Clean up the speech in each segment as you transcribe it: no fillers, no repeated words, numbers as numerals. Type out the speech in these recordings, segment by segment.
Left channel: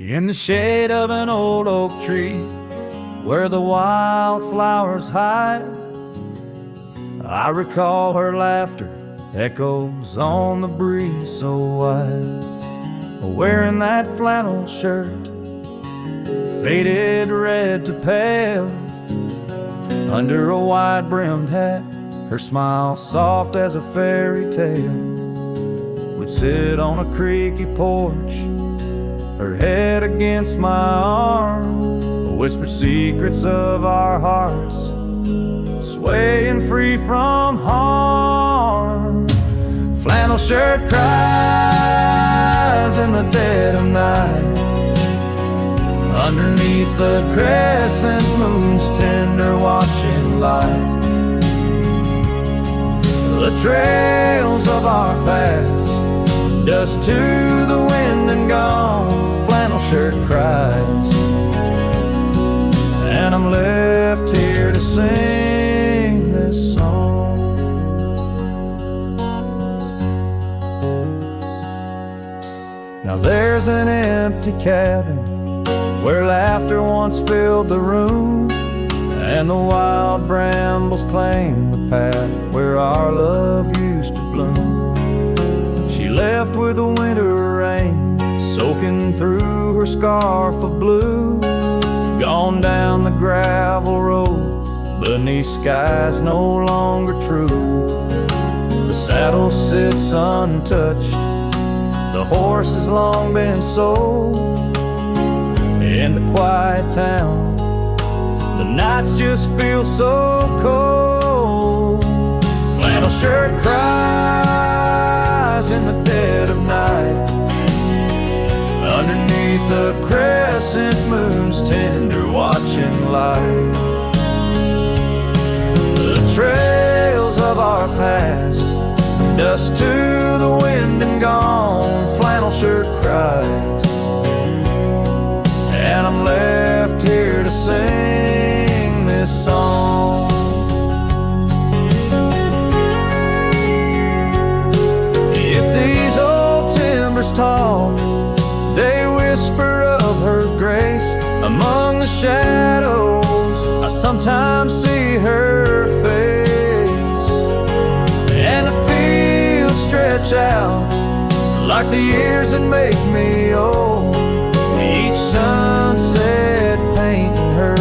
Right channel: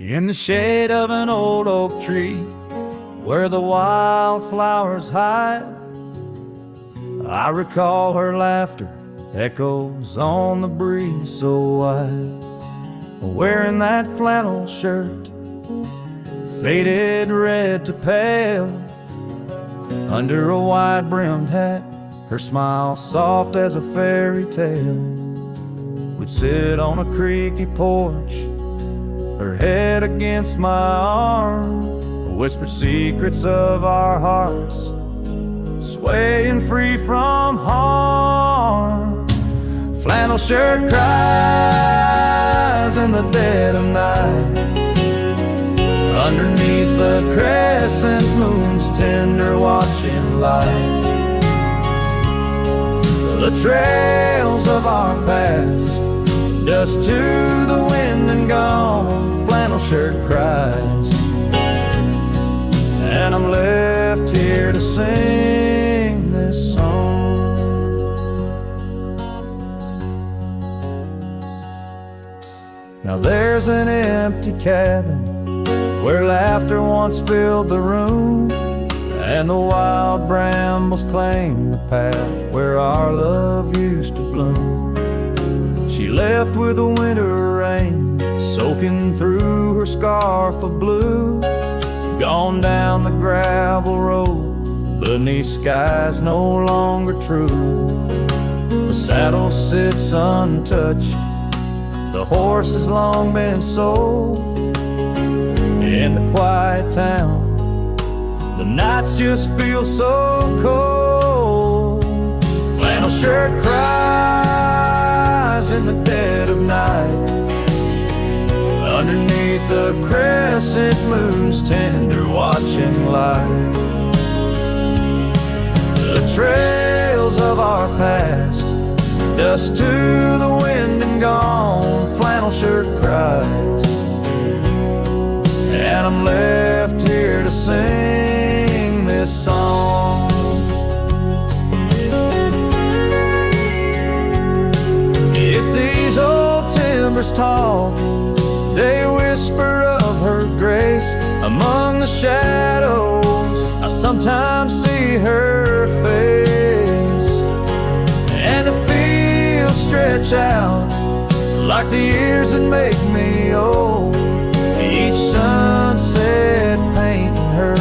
in the shade of an old oak tree where the wildflowers hide. I recall her laughter echoes on the breeze so wide, wearing that flannel shirt, faded red to pale, under a wide-brimmed hat, her smile soft as a fairy tale. We'd sit on a creaky porch, her head against my arm, whisper secrets of our hearts, swaying free from harm. Flannel shirt cries in the dead of night, underneath the crescent moon's tender watching light. The trails of our past, dust to the wind and gone. Flannel shirt cries, and I'm left here to sing this song. Now there's an empty cabin where laughter once filled the room, and the wild brambles claim the path where our love used to bloom. She left with the winter rain soaking through her scarf of blue, gone down the gravel road beneath skies no longer true. The saddle sits untouched, the horse has long been sold. In the quiet town, the nights just feel so cold. Flannel shirt cries in the dead of night, underneath the crescent moon's tender watching light. The trails of our past, dust to the wind and gone. Flannel shirt cries, and I'm left here to sing this song. If these old timbers talk, they whisper of her grace. Among the shadows, I sometimes see her face, and the fields stretch out like the years that make me old. Each sunset painting her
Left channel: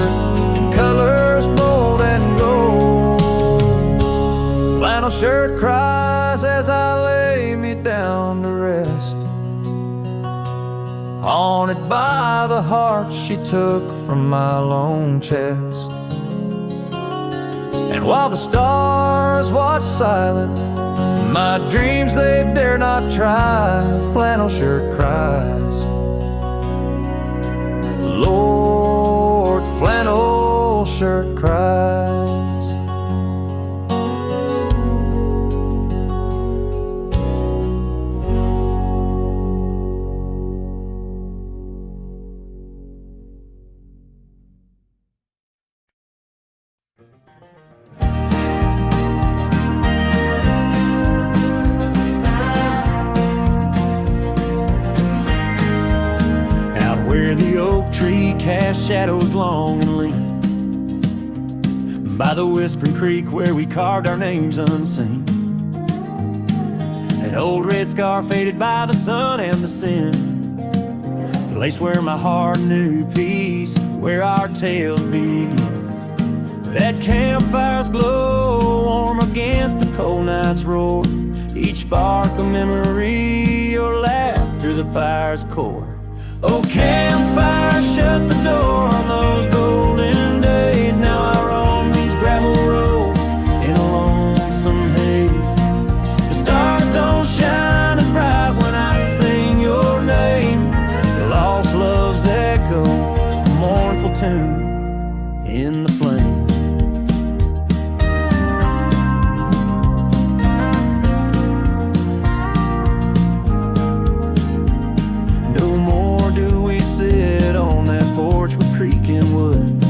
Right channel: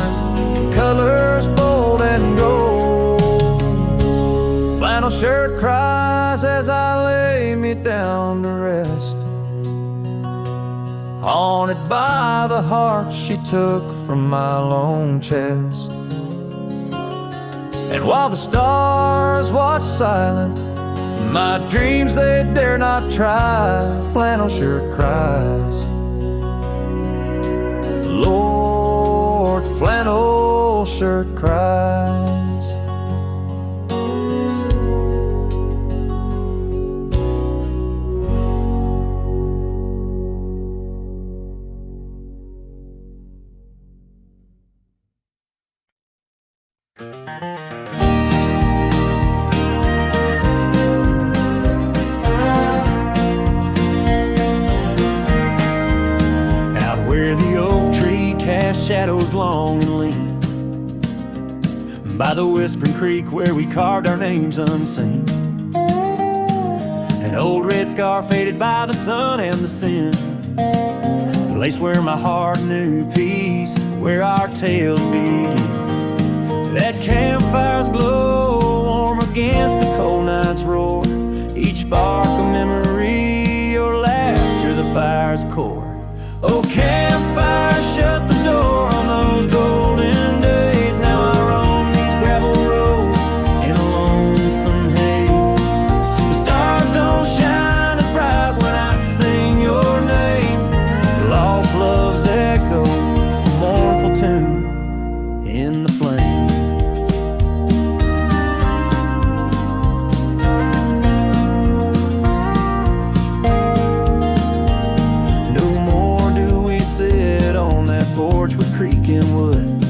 in colors bold and gold. Flannel shirt cries as I lay me down to rest, haunted by the heart she took from my lone chest. And while the stars watch silent, my dreams they dare not try. Flannel shirt cries, Lord, flannel shirt cries. Where the oak tree cast shadows long and lean, by the whispering creek where we carved our names unseen, an old red scar faded by the sun and the sin, the place where my heart knew peace, where our tales begin. That campfire's glow warm against the cold night's roar, each spark a memory, your laughter the fire's core. Oh, campfire, shut the door on those golden days. Now I roam these gravel roads in a lonesome haze. The stars don't shine as bright when I sing your name. Lost love's echo, a mournful tune in the flame. Porch with creaking wood,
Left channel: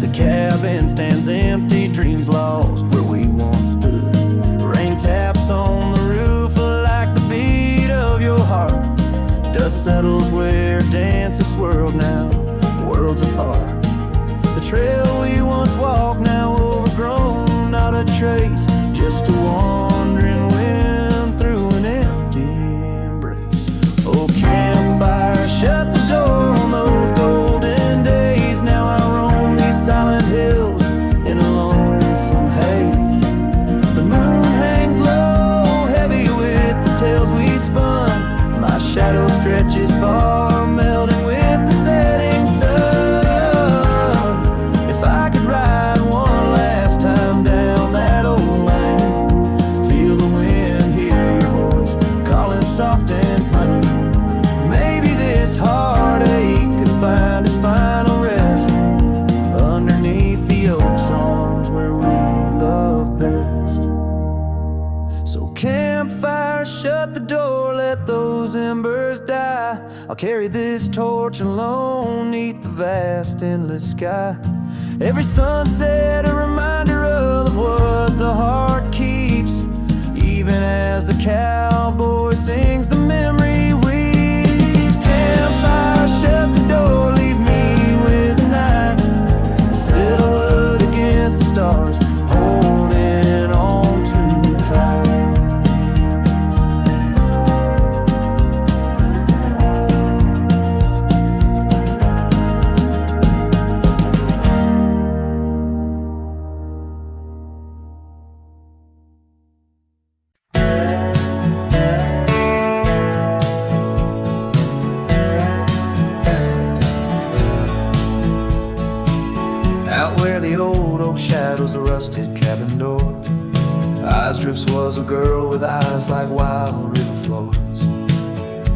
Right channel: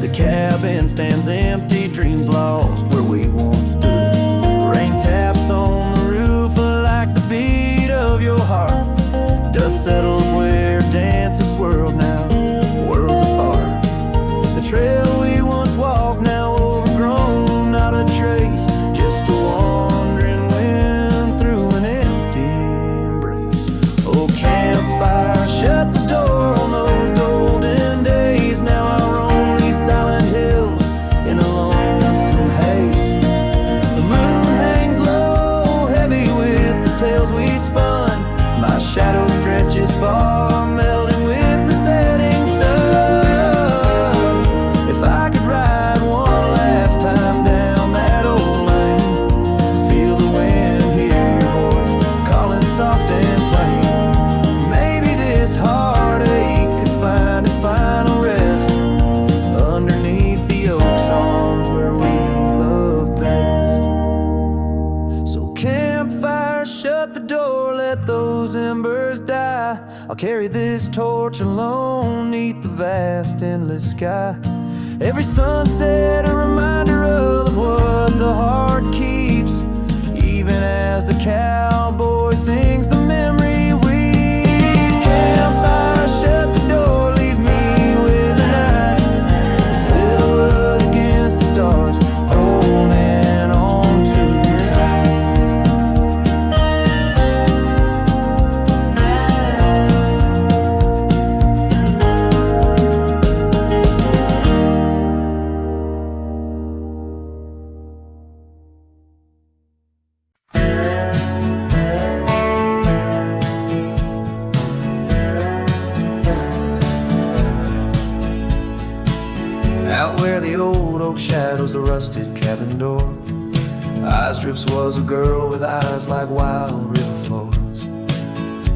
the cabin stands empty, dreams lost where we once stood. Rain taps on the roof like the beat of your heart, dust settles where dances swirl this far, melting with the setting sun. If I could ride one last time down that old lane, feel the wind, hear your voice calling soft and plain, maybe this heartache could find its final rest underneath the oak's arms where we love best. So campfire, shut the door, let those embers die. I'll carry this torch alone neath the vast endless sky. Every sunset a reminder of what the heart keeps, even as the cowboy sings the memory weaves. Campfire, shut the door, leave me with the night, a silhouette against the stars, holding on too tight. Out where the old oak shadows the rusted cabin door, Eyes Drifts was a girl with eyes like wild river floors.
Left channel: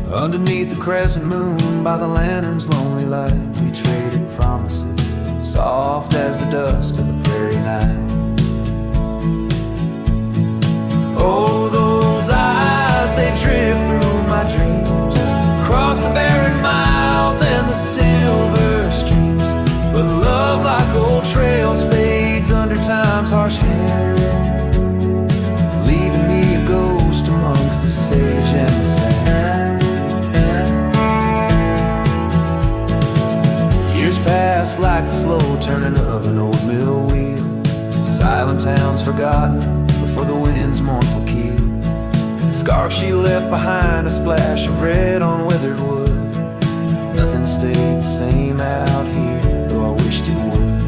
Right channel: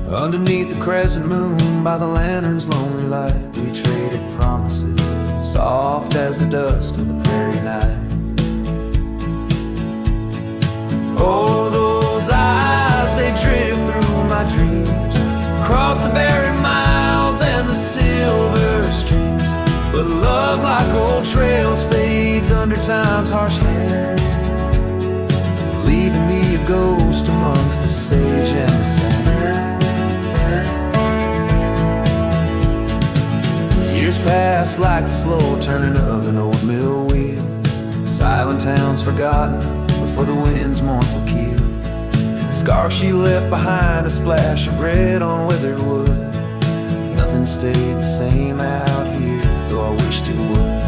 Underneath the crescent moon, by the lantern's lonely light, we traded promises, soft as the dust of the prairie night. Oh, those eyes, they drift through my dreams, across the barren miles and the silver streams. But love, like old trails, fades under time's harsh hand, leaving me a ghost amongst the sage and the sand. Years pass like the slow turning of an old mill wheel, silent towns forgotten before the wind's mournful keel. The scarf she left behind, a splash of red on withered wood. Nothing stayed the same out here, though I wished it would.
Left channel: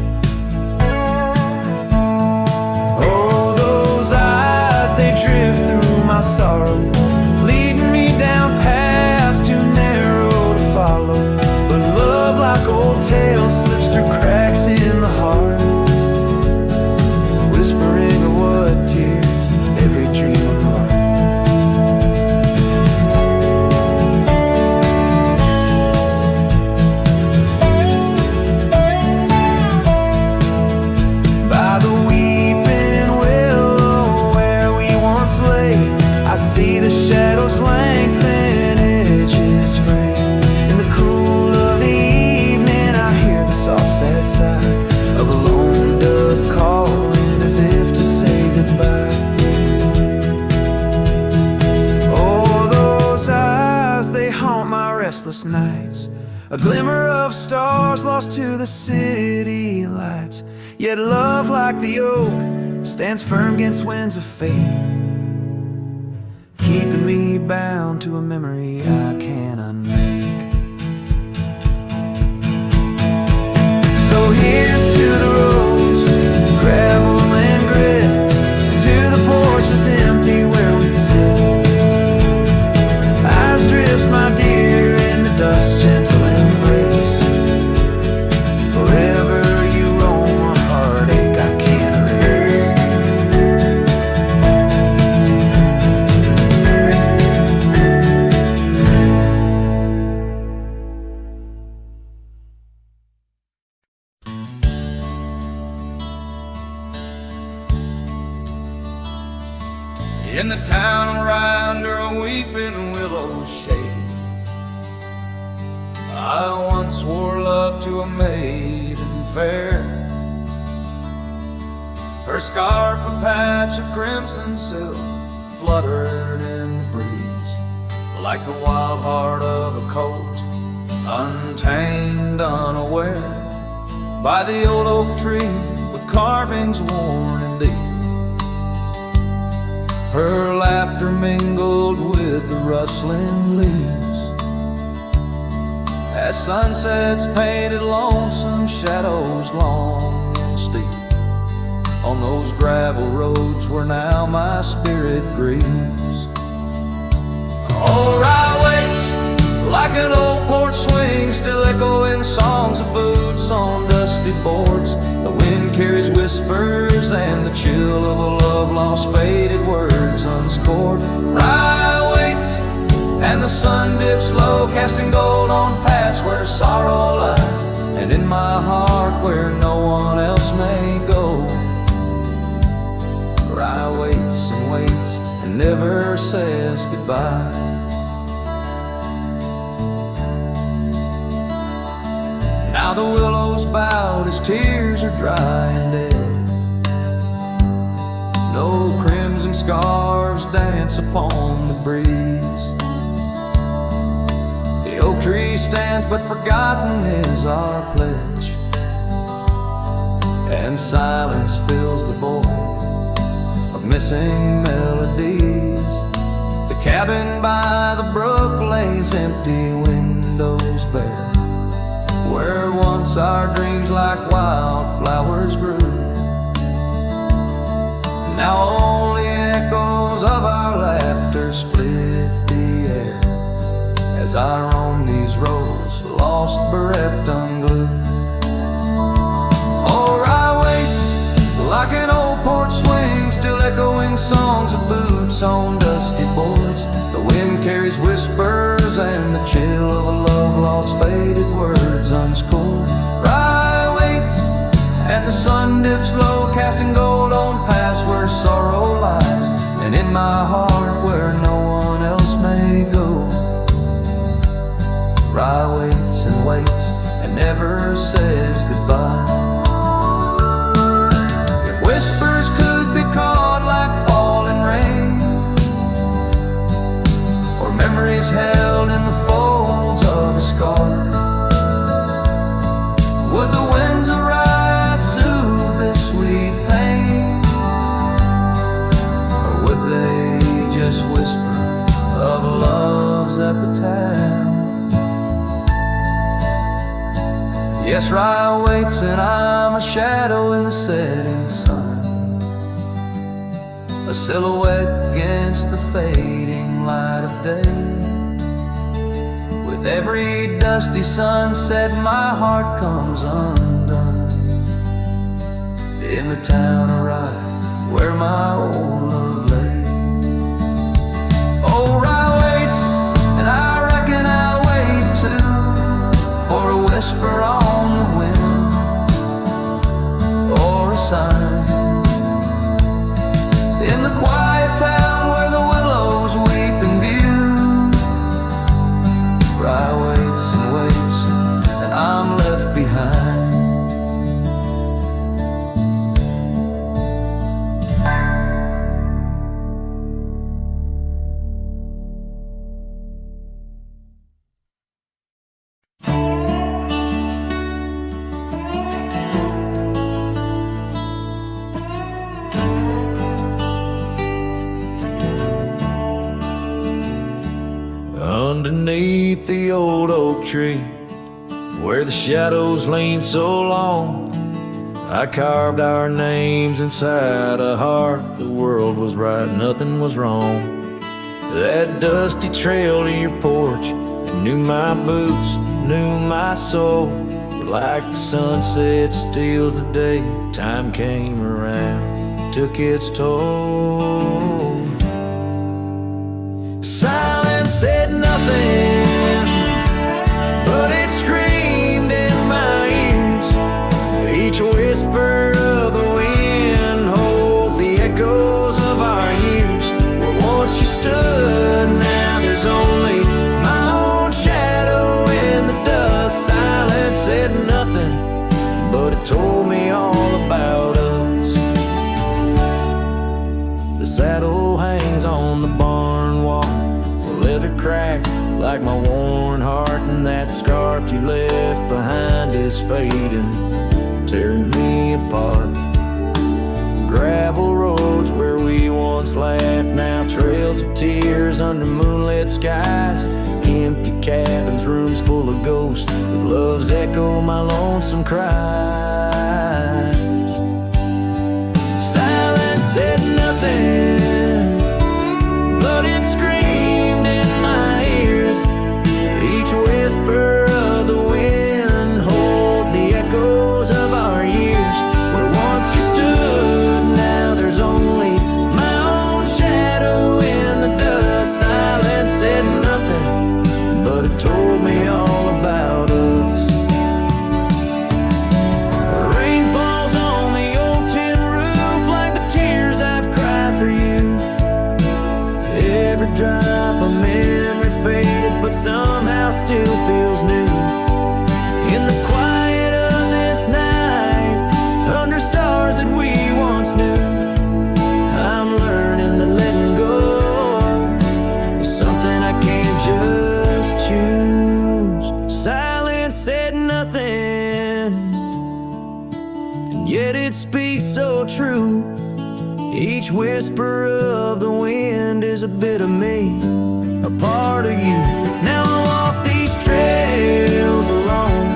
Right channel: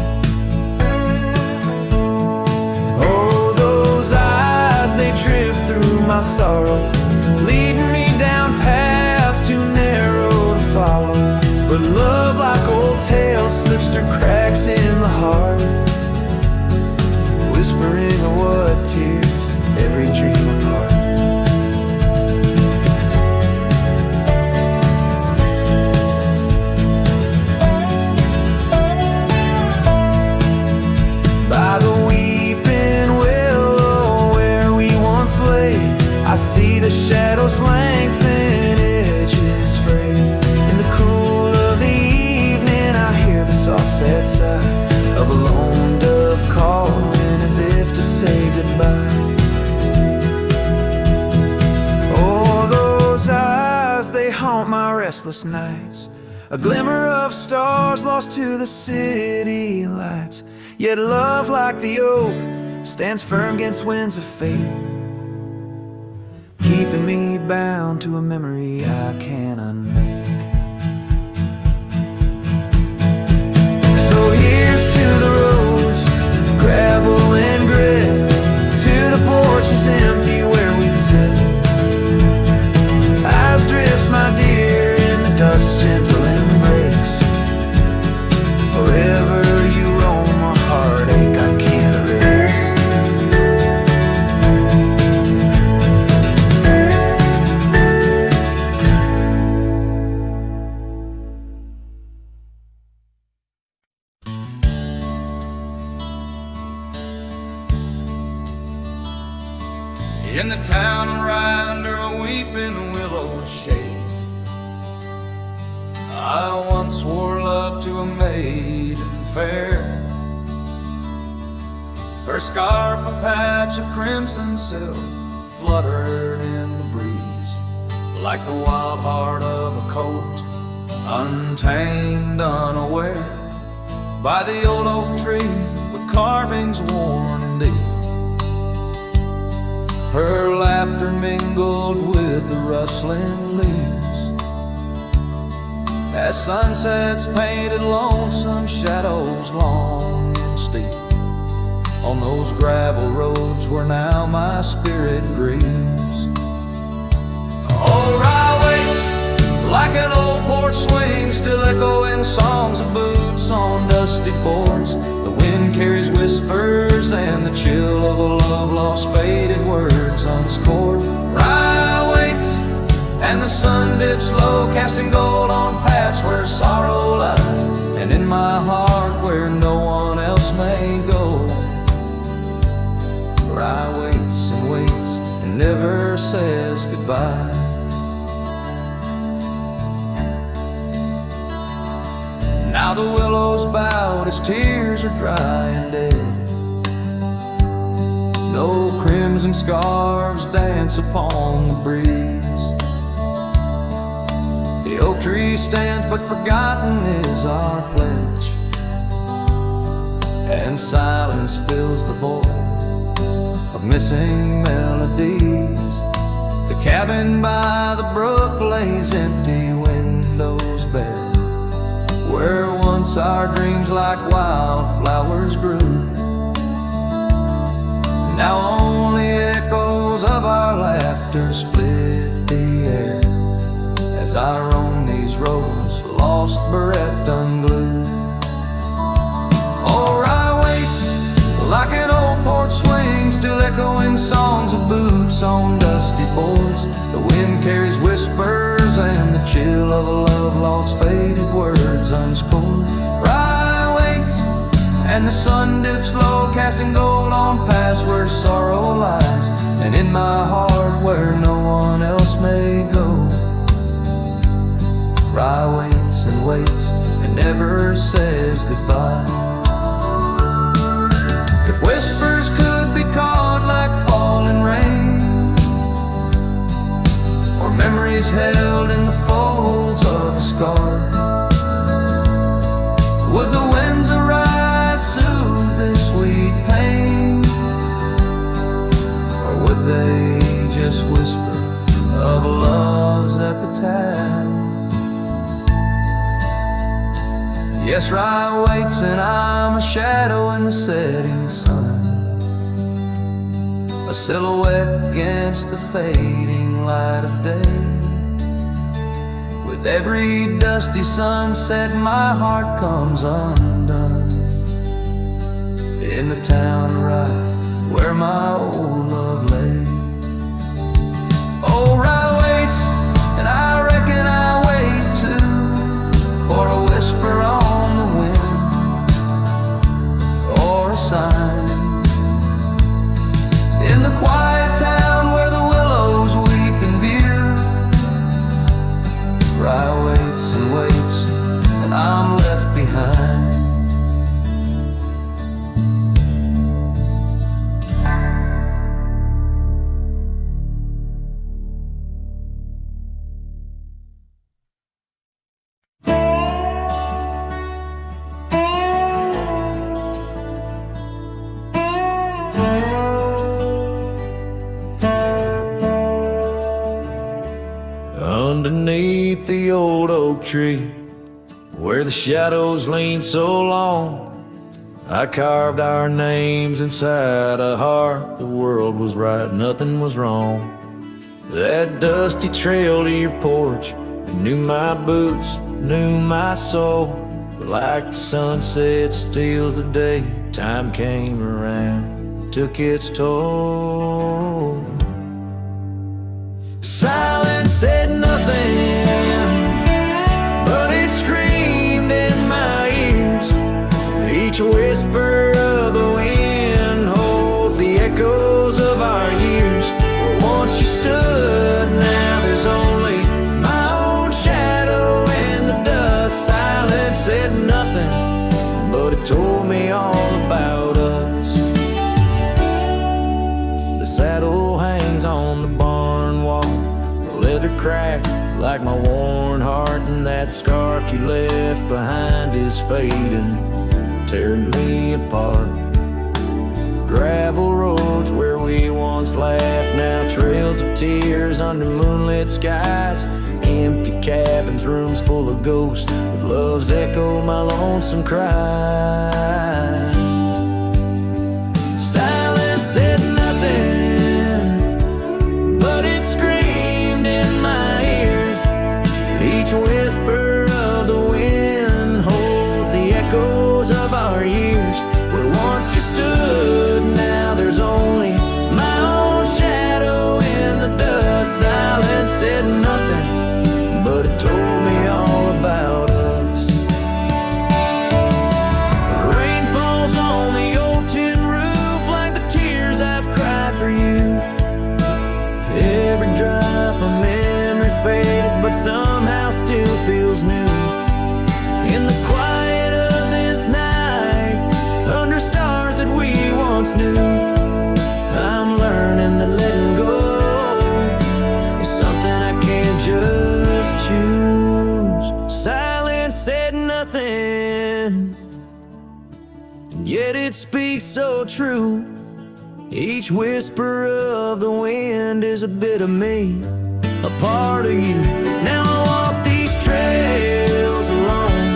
Oh, those eyes, they drift through my sorrow, leading me down paths too narrow to follow. But love, like old tales, slips through cracks in the heart, whispering of what tears every dream apart. By the weeping willow where we once lay, I see the shadows lengthen, edges fray. In the cool of the evening, I hear the soft sad sigh of a lone dove calling as if to say goodbye. Oh, those eyes, they haunt my restless nights, a glimmer of stars lost to the city lights. Yet love, like the oak, stands firm against winds of fate, keeping me bound to a memory I can't unmake. So here's to the roads, gravel and grit, to the porches empty where we'd sit. Eyes Drifts, my dear, in the dust's gentle embrace. Forever you roam a heartache I can't erase. In the town right under a weeping willow shade, I once swore love to a maiden fair. Her scarf, a patch of crimson silk, fluttered in the breeze, like the wild heart of a colt, untamed, unaware, by the old oak tree with carvings worn and deep. Her laughter mingled with the rustling leaves, as sunsets painted lonesome shadows long and steep on those gravel roads where now my spirit grieves. Oh, rye waits like like an old porch swing, still echoing songs of boots on dusty boards. The wind carries whispers and the chill of a love lost, faded words unscored. Rye waits and the sun dips low, casting gold on paths where sorrow lies, and in my heart where no one else may go. Rye waits and waits and never says goodbye. Now the willows bowed, his tears are dry and dead. No crimson scarves dance upon the breeze. The oak tree stands, but forgotten is our pledge, and silence fills the void of missing melodies. The cabin by the brook lays empty, windows bare, where once our dreams like wildflowers grew. Now only echoes of our laughter split the air as I roam these roads, lost, bereft, unglued. Oh, rye waits like an old porch swing, still echoing songs of boots on dusty boards. The wind carries whispers and the chill of a love lost, faded words unscored. Rye waits and the sun dips low, casting gold on paths where sorrow lies, and in my heart where no one else may go. Rye waits and never says goodbye. If whispers could be caught like falling rain, or memories held in the folds of a scarf, would the winds arise soothe this sweet pain, or would they just whisper of a love's epitaph? Yes, rye waits and I'm a shadow in the setting sun, a silhouette against the fading light of day. With every dusty sunset my heart comes undone, in the town of Rye where my old love lay. Oh, rye waits and I reckon I wait too, for a whisper on the wind, or a sign in the quiet town where the willows weep in view. Rye waits and I'm left behind. Underneath the old oak tree, where the shadows lean so long, I carved our names inside a heart. The world was right, nothing was wrong. That dusty trail to your porch, and knew my boots, knew my soul. But like the sunset steals the day, time came around, took its toll. Silence said nothing, but it screamed in my ears. Each whisper of the wind holds the echoes of our years. Where once you stood, now there's only my own shadow in the dust. Silence said nothing, but it told me all about us. The saddle hangs on the barn wall, the leather cracked like my worn heart, and that scarf you left behind is fading, tearing me apart. Gravel roads where we once laughed, now trails of tears under moonlit skies. Empty cabins, rooms full of ghosts, with love's echo, my lonesome cries. Silence said nothing, but it screamed in my ears. Each Each whisper of the wind holds the echoes of our years. Where once you stood, now there's only my own shadow in the dust. Silence said nothing, but it told me all about us. Rain falls on the old tin roof like the tears I've cried for you. Every drop of memory faded, but somehow still feels new. In the quiet of this night, under stars that we once knew, I'm learning that letting go is something I can't just choose. Silence said nothing, and yet it speaks so true. Each whisper of the wind is a bit of me, a part of you. Now I walk these trails alone,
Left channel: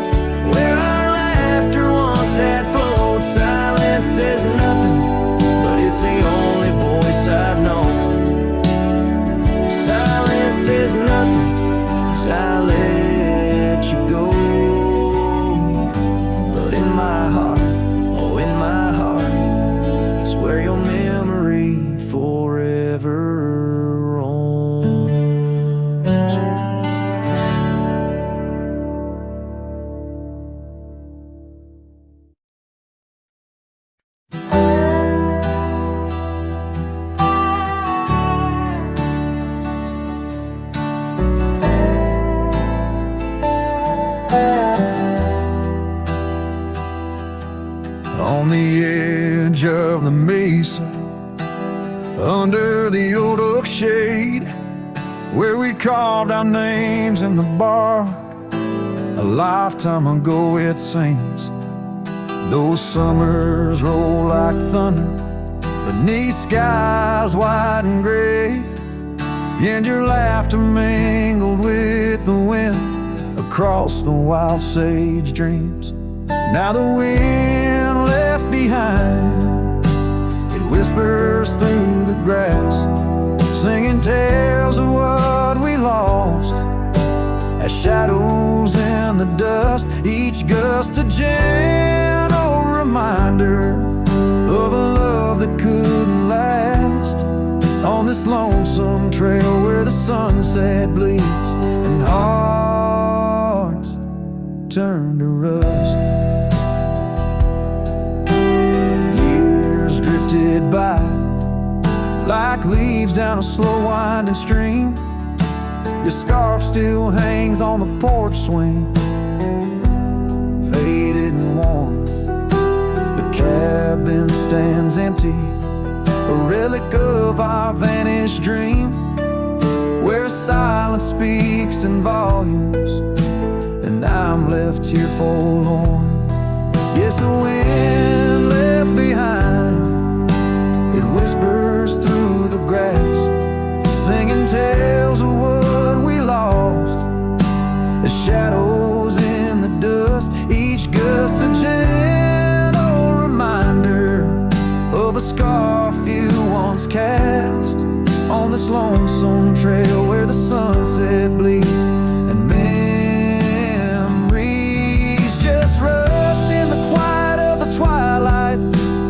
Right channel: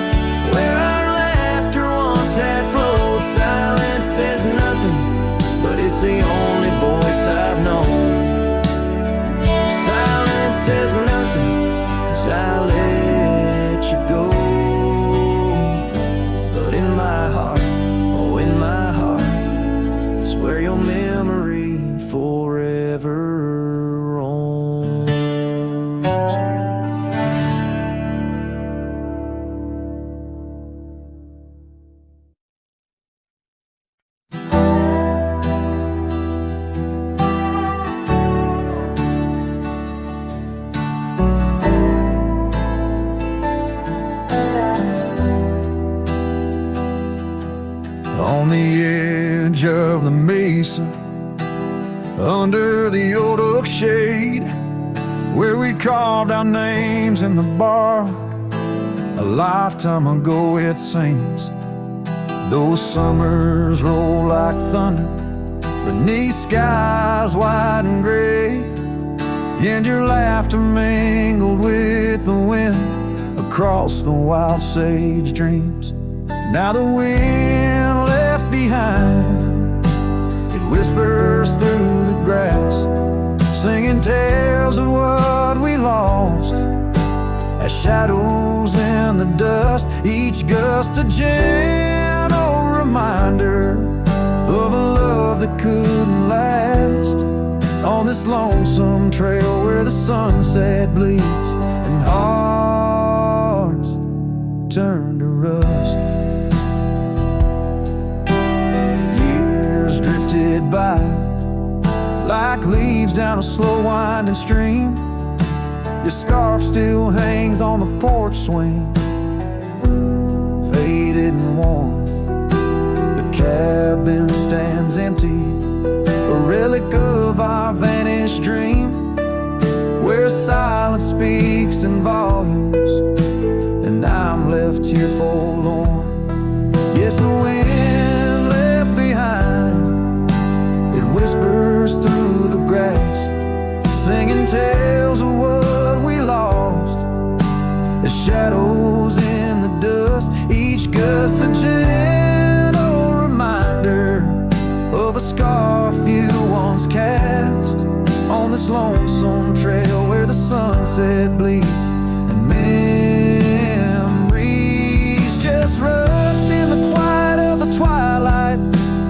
where our laughter once had flowed. Silence says nothing, but it's the only voice I've known. Silence says nothing as I let you go. But in my heart, oh in my heart, it's where your memory forever roams. On the edge of the mesa, under the old oak shade, where we carved our names in the bark, a lifetime ago it seems. Those summers roll like thunder beneath skies white and gray, and your laughter mingled with the wind across the wild sage dreams. Now the wind left behind, it whispers through the grass, singing tales of what we lost, as shadows in the dust. Each gust a gentle reminder of a love that couldn't last, on this lonesome trail where the sunset bleeds and hearts turn to rust. Years drifted by like leaves down a slow winding stream. Your scarf still hangs on the porch swing, faded and worn. The cabin stands empty, a relic of our vanished dream, where silence speaks in volumes, and I'm left here forlorn. Yes, the wind left behind, it whispers through the grass, singing tales of what we lost, as shadows in the dust. Each gust a gentle reminder of a scarf you once cast, on this lonesome trail where the sunset bleeds and memories just rust in the quiet of the twilight,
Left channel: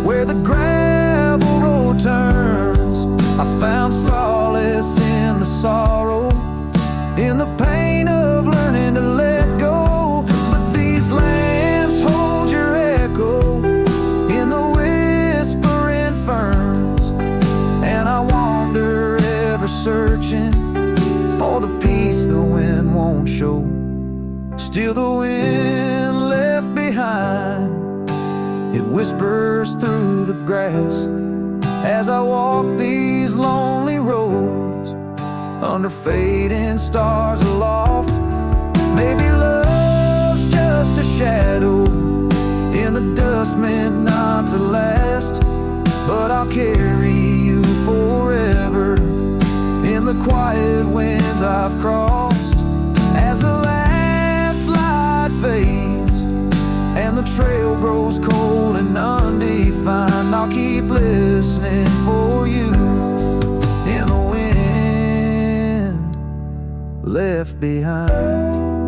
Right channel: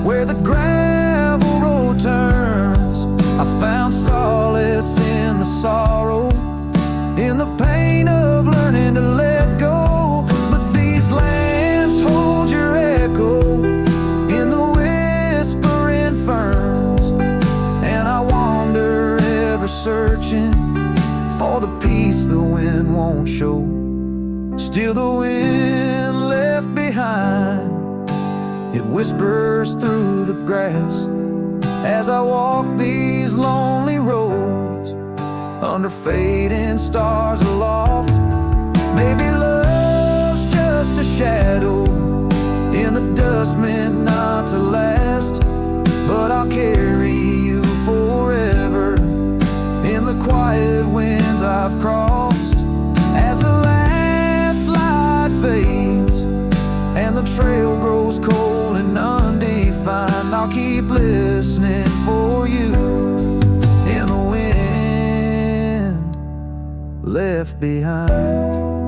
where the gravel road turns. I found solace in the sorrow, in the pain of learning to let go. But these lands hold your echo in the whispering ferns, and I wander ever searching for the peace the wind won't show. Still the wind left behind, it whispers through the grass, as I walk these lonely roads under fading stars aloft. Maybe love's just a shadow in the dust meant not to last, but I'll carry you forever in the quiet winds I've crossed. As the last light fades and the trail grows cold and undefined, I'll keep listening for you in the wind left behind.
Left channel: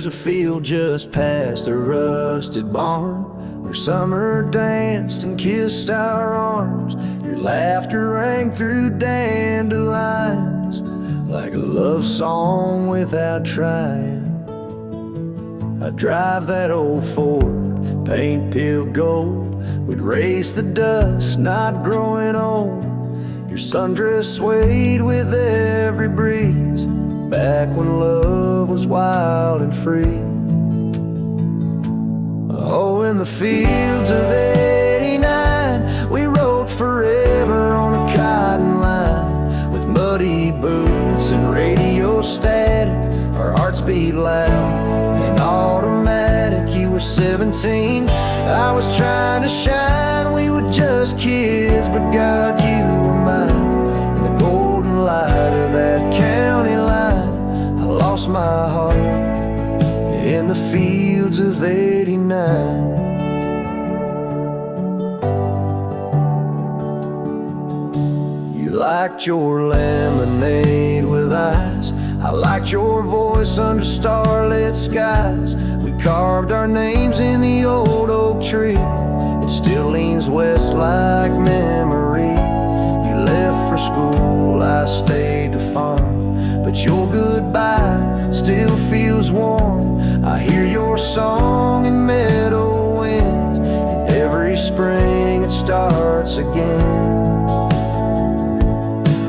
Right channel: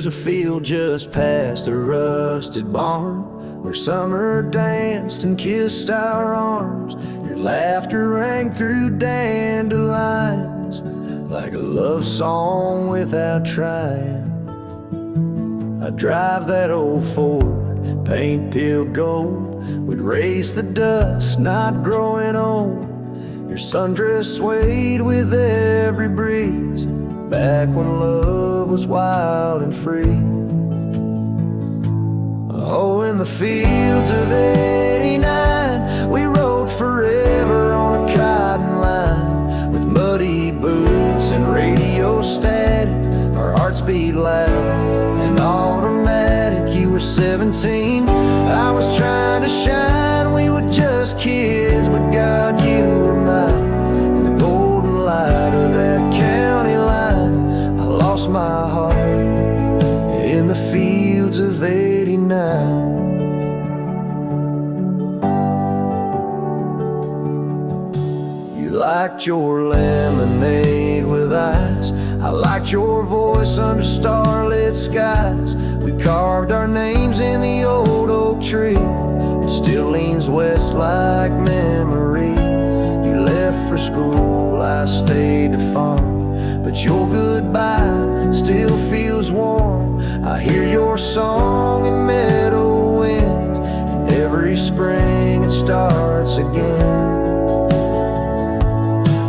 There's a field just past a rusted barn where summer danced and kissed our arms. Your laughter rang through dandelions like a love song without trying. I'd drive that old Ford, paint peeled gold. We'd race the dust, not growing old. Your sundress swayed with every breeze, back when love was wild and free. Oh, in the fields of '89, we rode forever on a cotton line. With muddy boots and radio static, our hearts beat loud and automatic. You were 17, I was trying to shine. We were just kids, but God, you were mine. In the golden light of that county line, I lost my heart in the fields of '89. You liked your lemonade with ice, I liked your voice under starlit skies. We carved our names in the old oak tree, it still leans west like memory. You left for school, I stayed to farm, but your goodbye still feels warm. I hear your song in meadow winds, and every spring it starts again.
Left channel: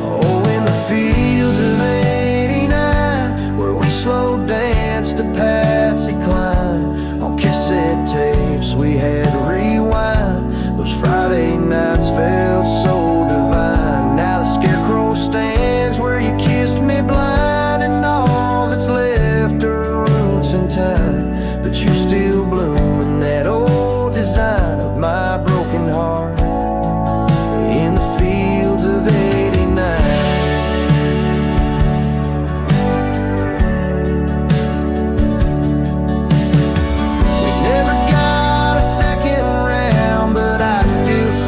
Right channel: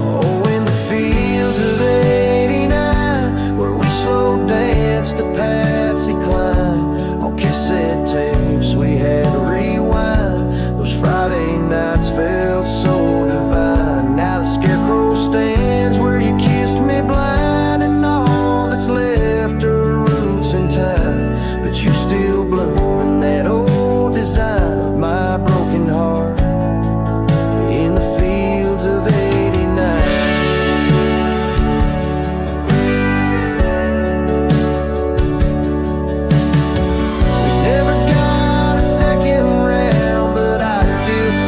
Oh, in the fields of '89, where we slow danced to Patsy Cline. On cassette tapes we had to rewind, those Friday nights felt so divine. Now the scarecrow stands where you kissed me blind, and all that's left are roots in time. But you still bloom in that old design of my broken heart in the fields of '89.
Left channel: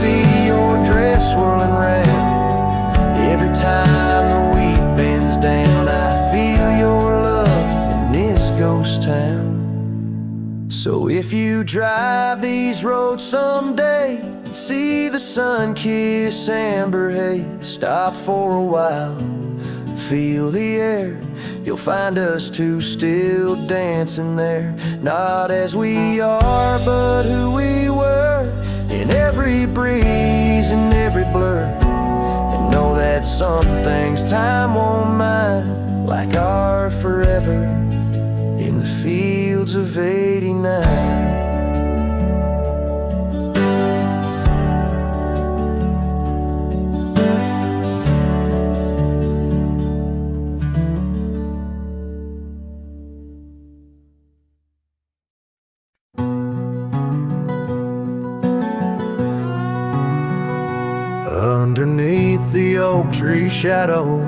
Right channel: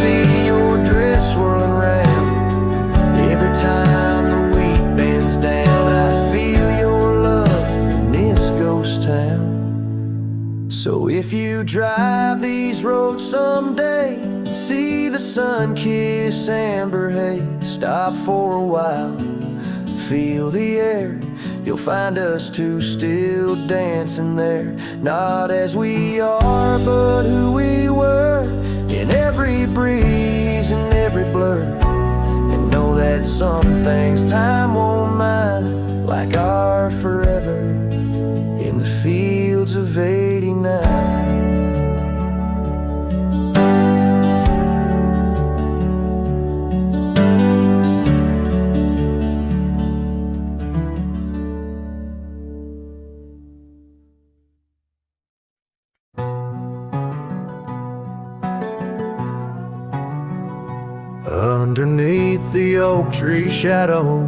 See your dress swirling round. Every time the wheat bends down, I feel your love in this ghost town. So if you drive these roads someday and see the sun-kissed amber haze, stop for a while, feel the air. You'll find us two still dancing there, not as we are, but who we were, in every breeze and every blur. And know that some things time won't mind, like our forever in the fields of '89. Underneath the oak tree shadow,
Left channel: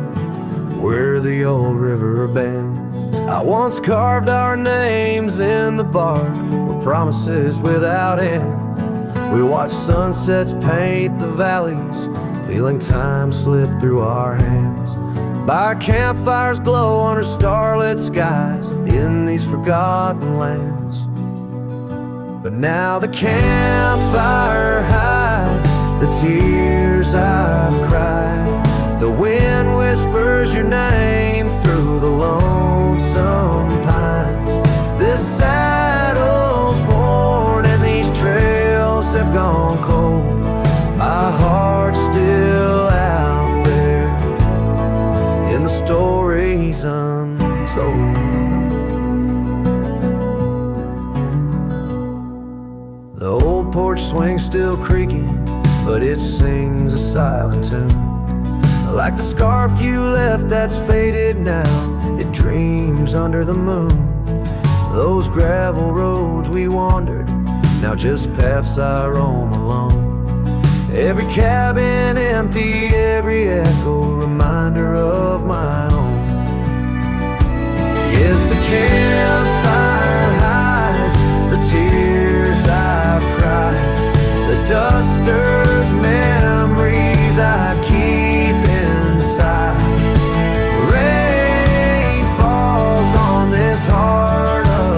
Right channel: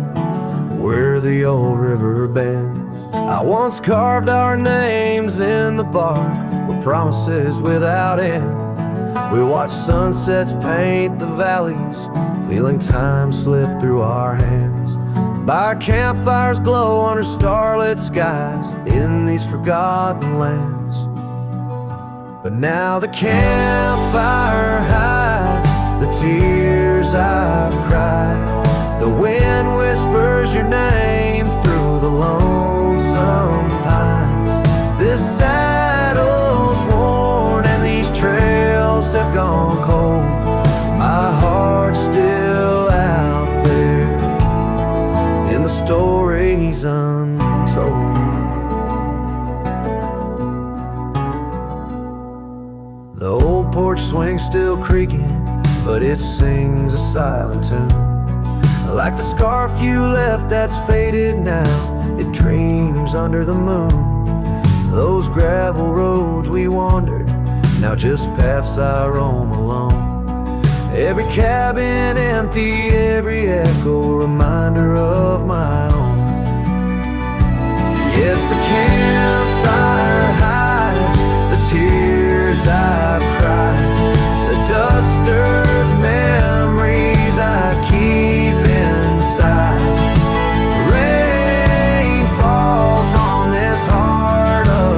where the old river bends, I once carved our names in the bark with promises without end. We watched sunsets paint the valleys, feeling time slip through our hands. By campfires glow under starlit skies in these forgotten lands. But now the campfire hides the tears I've cried. The wind whispers your name through the lonesome pines. This saddle's worn and these trails have gone cold. My heart's still out there in the stories untold. The old porch swing's still creaking, but it sings a silent tune. Like the scarf you left that's faded now, it dreams under the moon. Those gravel roads we wandered, now just paths I roam alone. Every cabin empty, every echo a reminder of my own. Yes, the campfire hides the tears I've cried, the duster's memories I keep inside. Rain falls on this heart of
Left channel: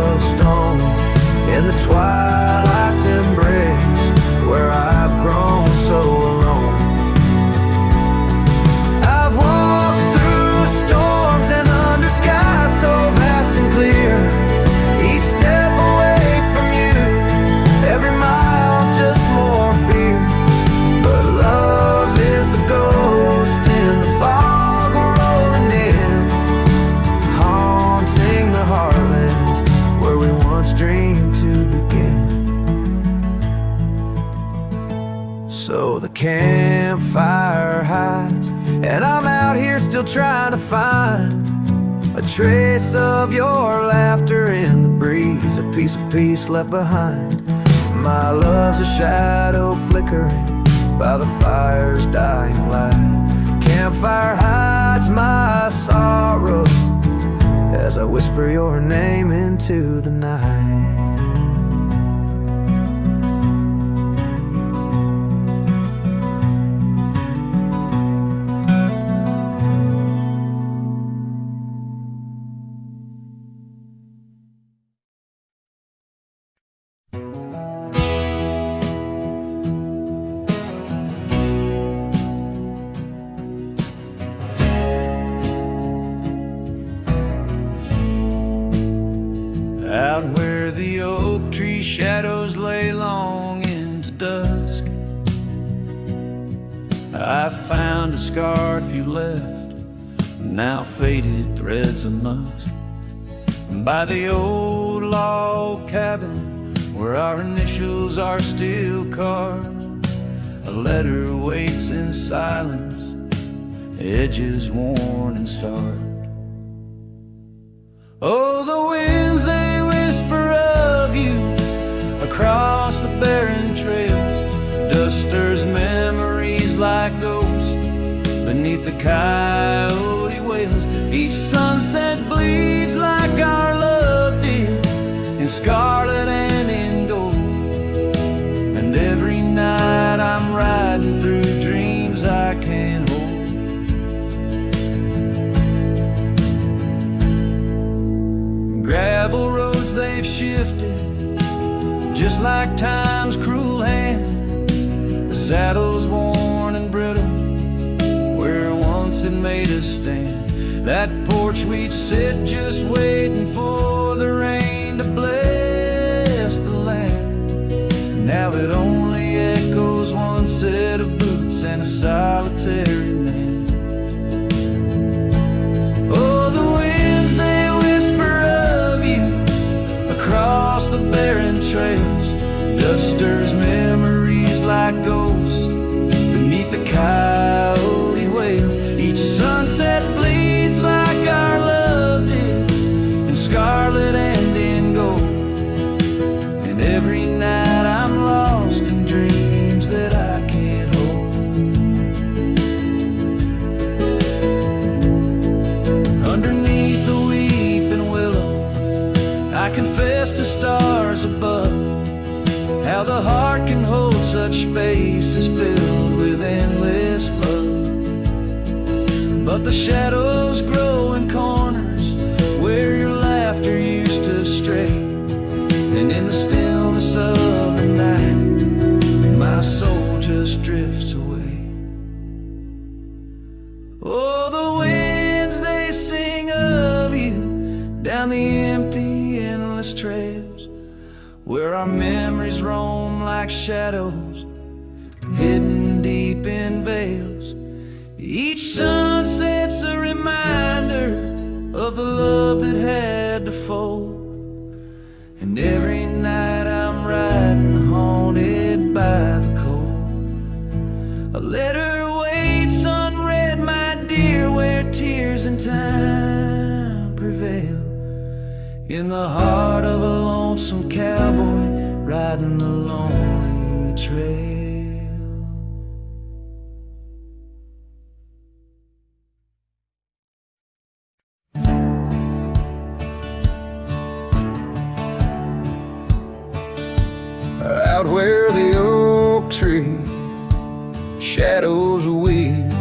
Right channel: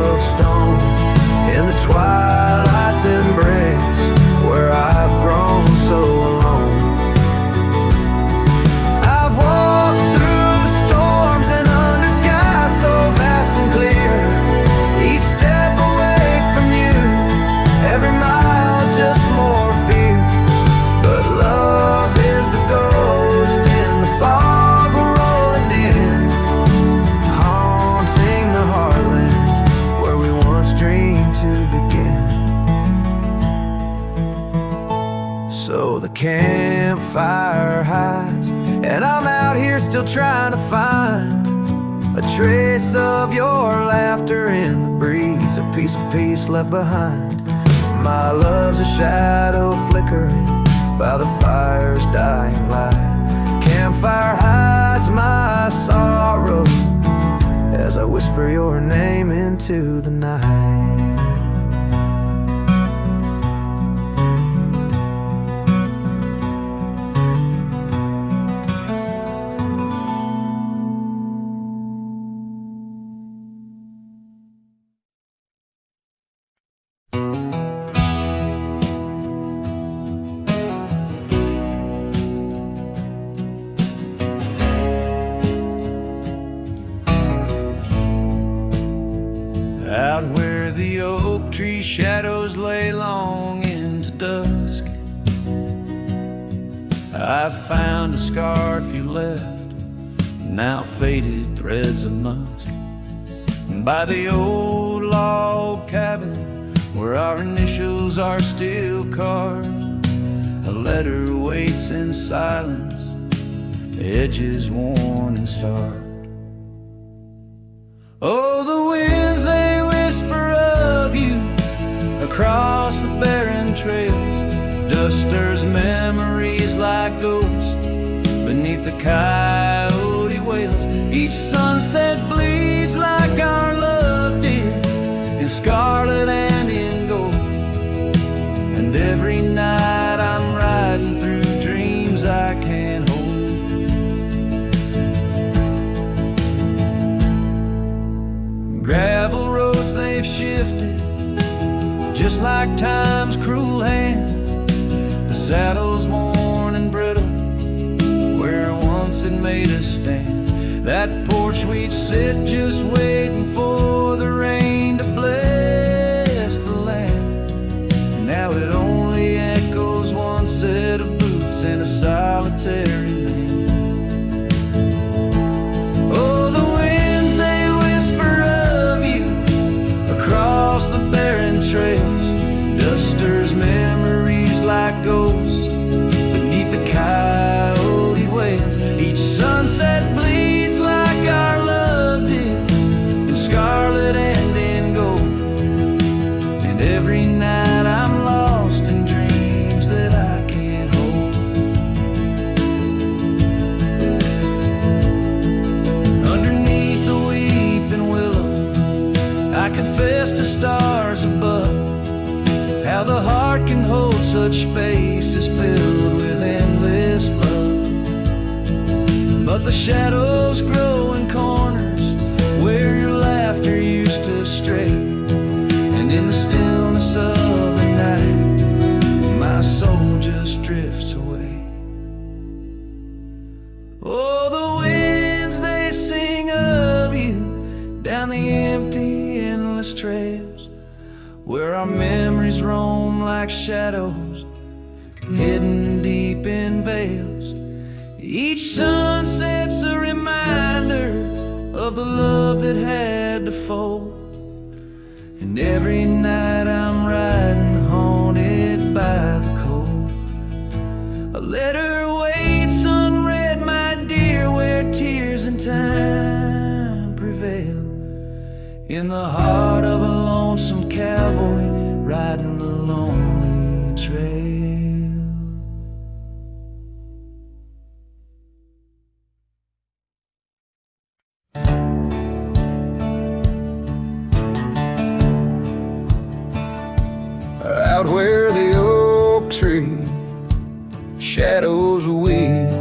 where I've grown so alone. I've walked through storms and under skies so vast and clear, each step away from you, every mile just more fear. But love is the ghost in the fog rolling in, haunting the heartlands where we once dreamed to begin. So the campfire hides, and I'm out here still trying to find a trace of your laughter in the breeze, a piece of peace left behind. My love's a shadow flickering by the fire's dying light. Campfire hides my sorrow as I whisper your name into the night. Out where the oak tree shadows lay long into dusk, I found a scarf you left, now faded threads of musk. By the old log cabin where our initials are still carved, a letter waits in silence, edges worn and starved. Oh, the winds, they whisper of you across the barren trails. Dust stirs memories like ghosts beneath the coyote wails. Each sunset bleeds like our love did, in scarlet and in gold. And every night I'm riding through dreams I can't hold. Gravel roads, they've shifted just like time's cruel hand. The saddle's worn and brittle where once it made us stand. That porch we'd sit just waiting for the rain to bless the land. Now it only echoes one set of boots and a solitary man. Oh, the winds, they whisper of you across the barren trails. Dust stirs memories like ghosts beneath the coyote wails. Each sunset bleeds like our love did, in scarlet and in gold. And every night I'm lost in dreams that I can't hold. Underneath the weeping willow, I confess to stars above, how the heart can hold such spaces filled with endless love. But the shadows grow in corners where your laughter used to stray, and in the stillness of the night my soul just drifts away. Oh, the winds, they sing of you down the empty, endless trails where our memories roam like shadows hidden deep in veils. Each sunset's a reminder of the love that had to fold. And every night I'm riding haunted by the cold. A letter waits unread, my dear, where tears and time prevail, in the heart of a lonesome cowboy riding the lonely trail. Out where the oak tree shadows weave,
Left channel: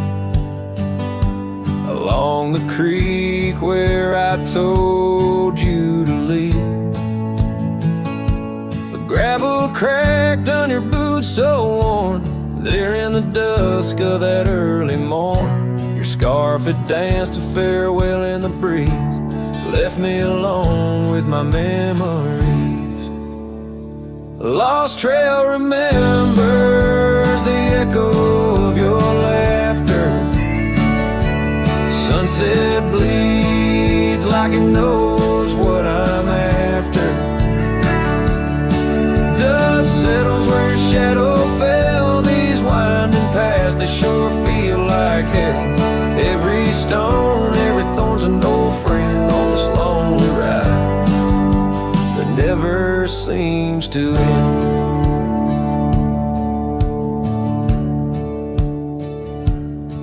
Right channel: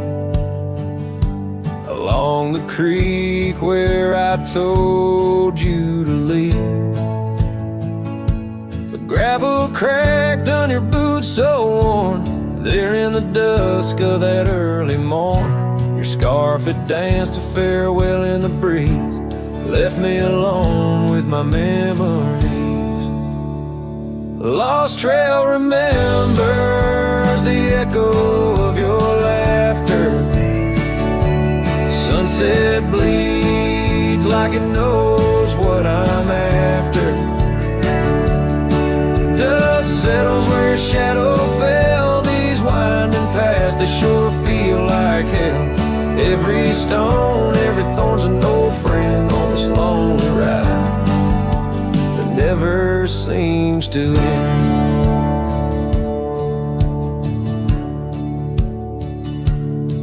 along the creek where I told you to leave, the gravel still cracked on your boots so worn there in the dusk of that early morn. Your scarf had danced a farewell in the breeze, left me alone with my memories. Lost trail remembers the echo of your laughter. Sunset bleeds like it knows what I'm after. Dust settles where your shadow fell. These winding paths, they sure feel like hell. Every stone, every thorn's an old friend on this lonely ride that never seems to end.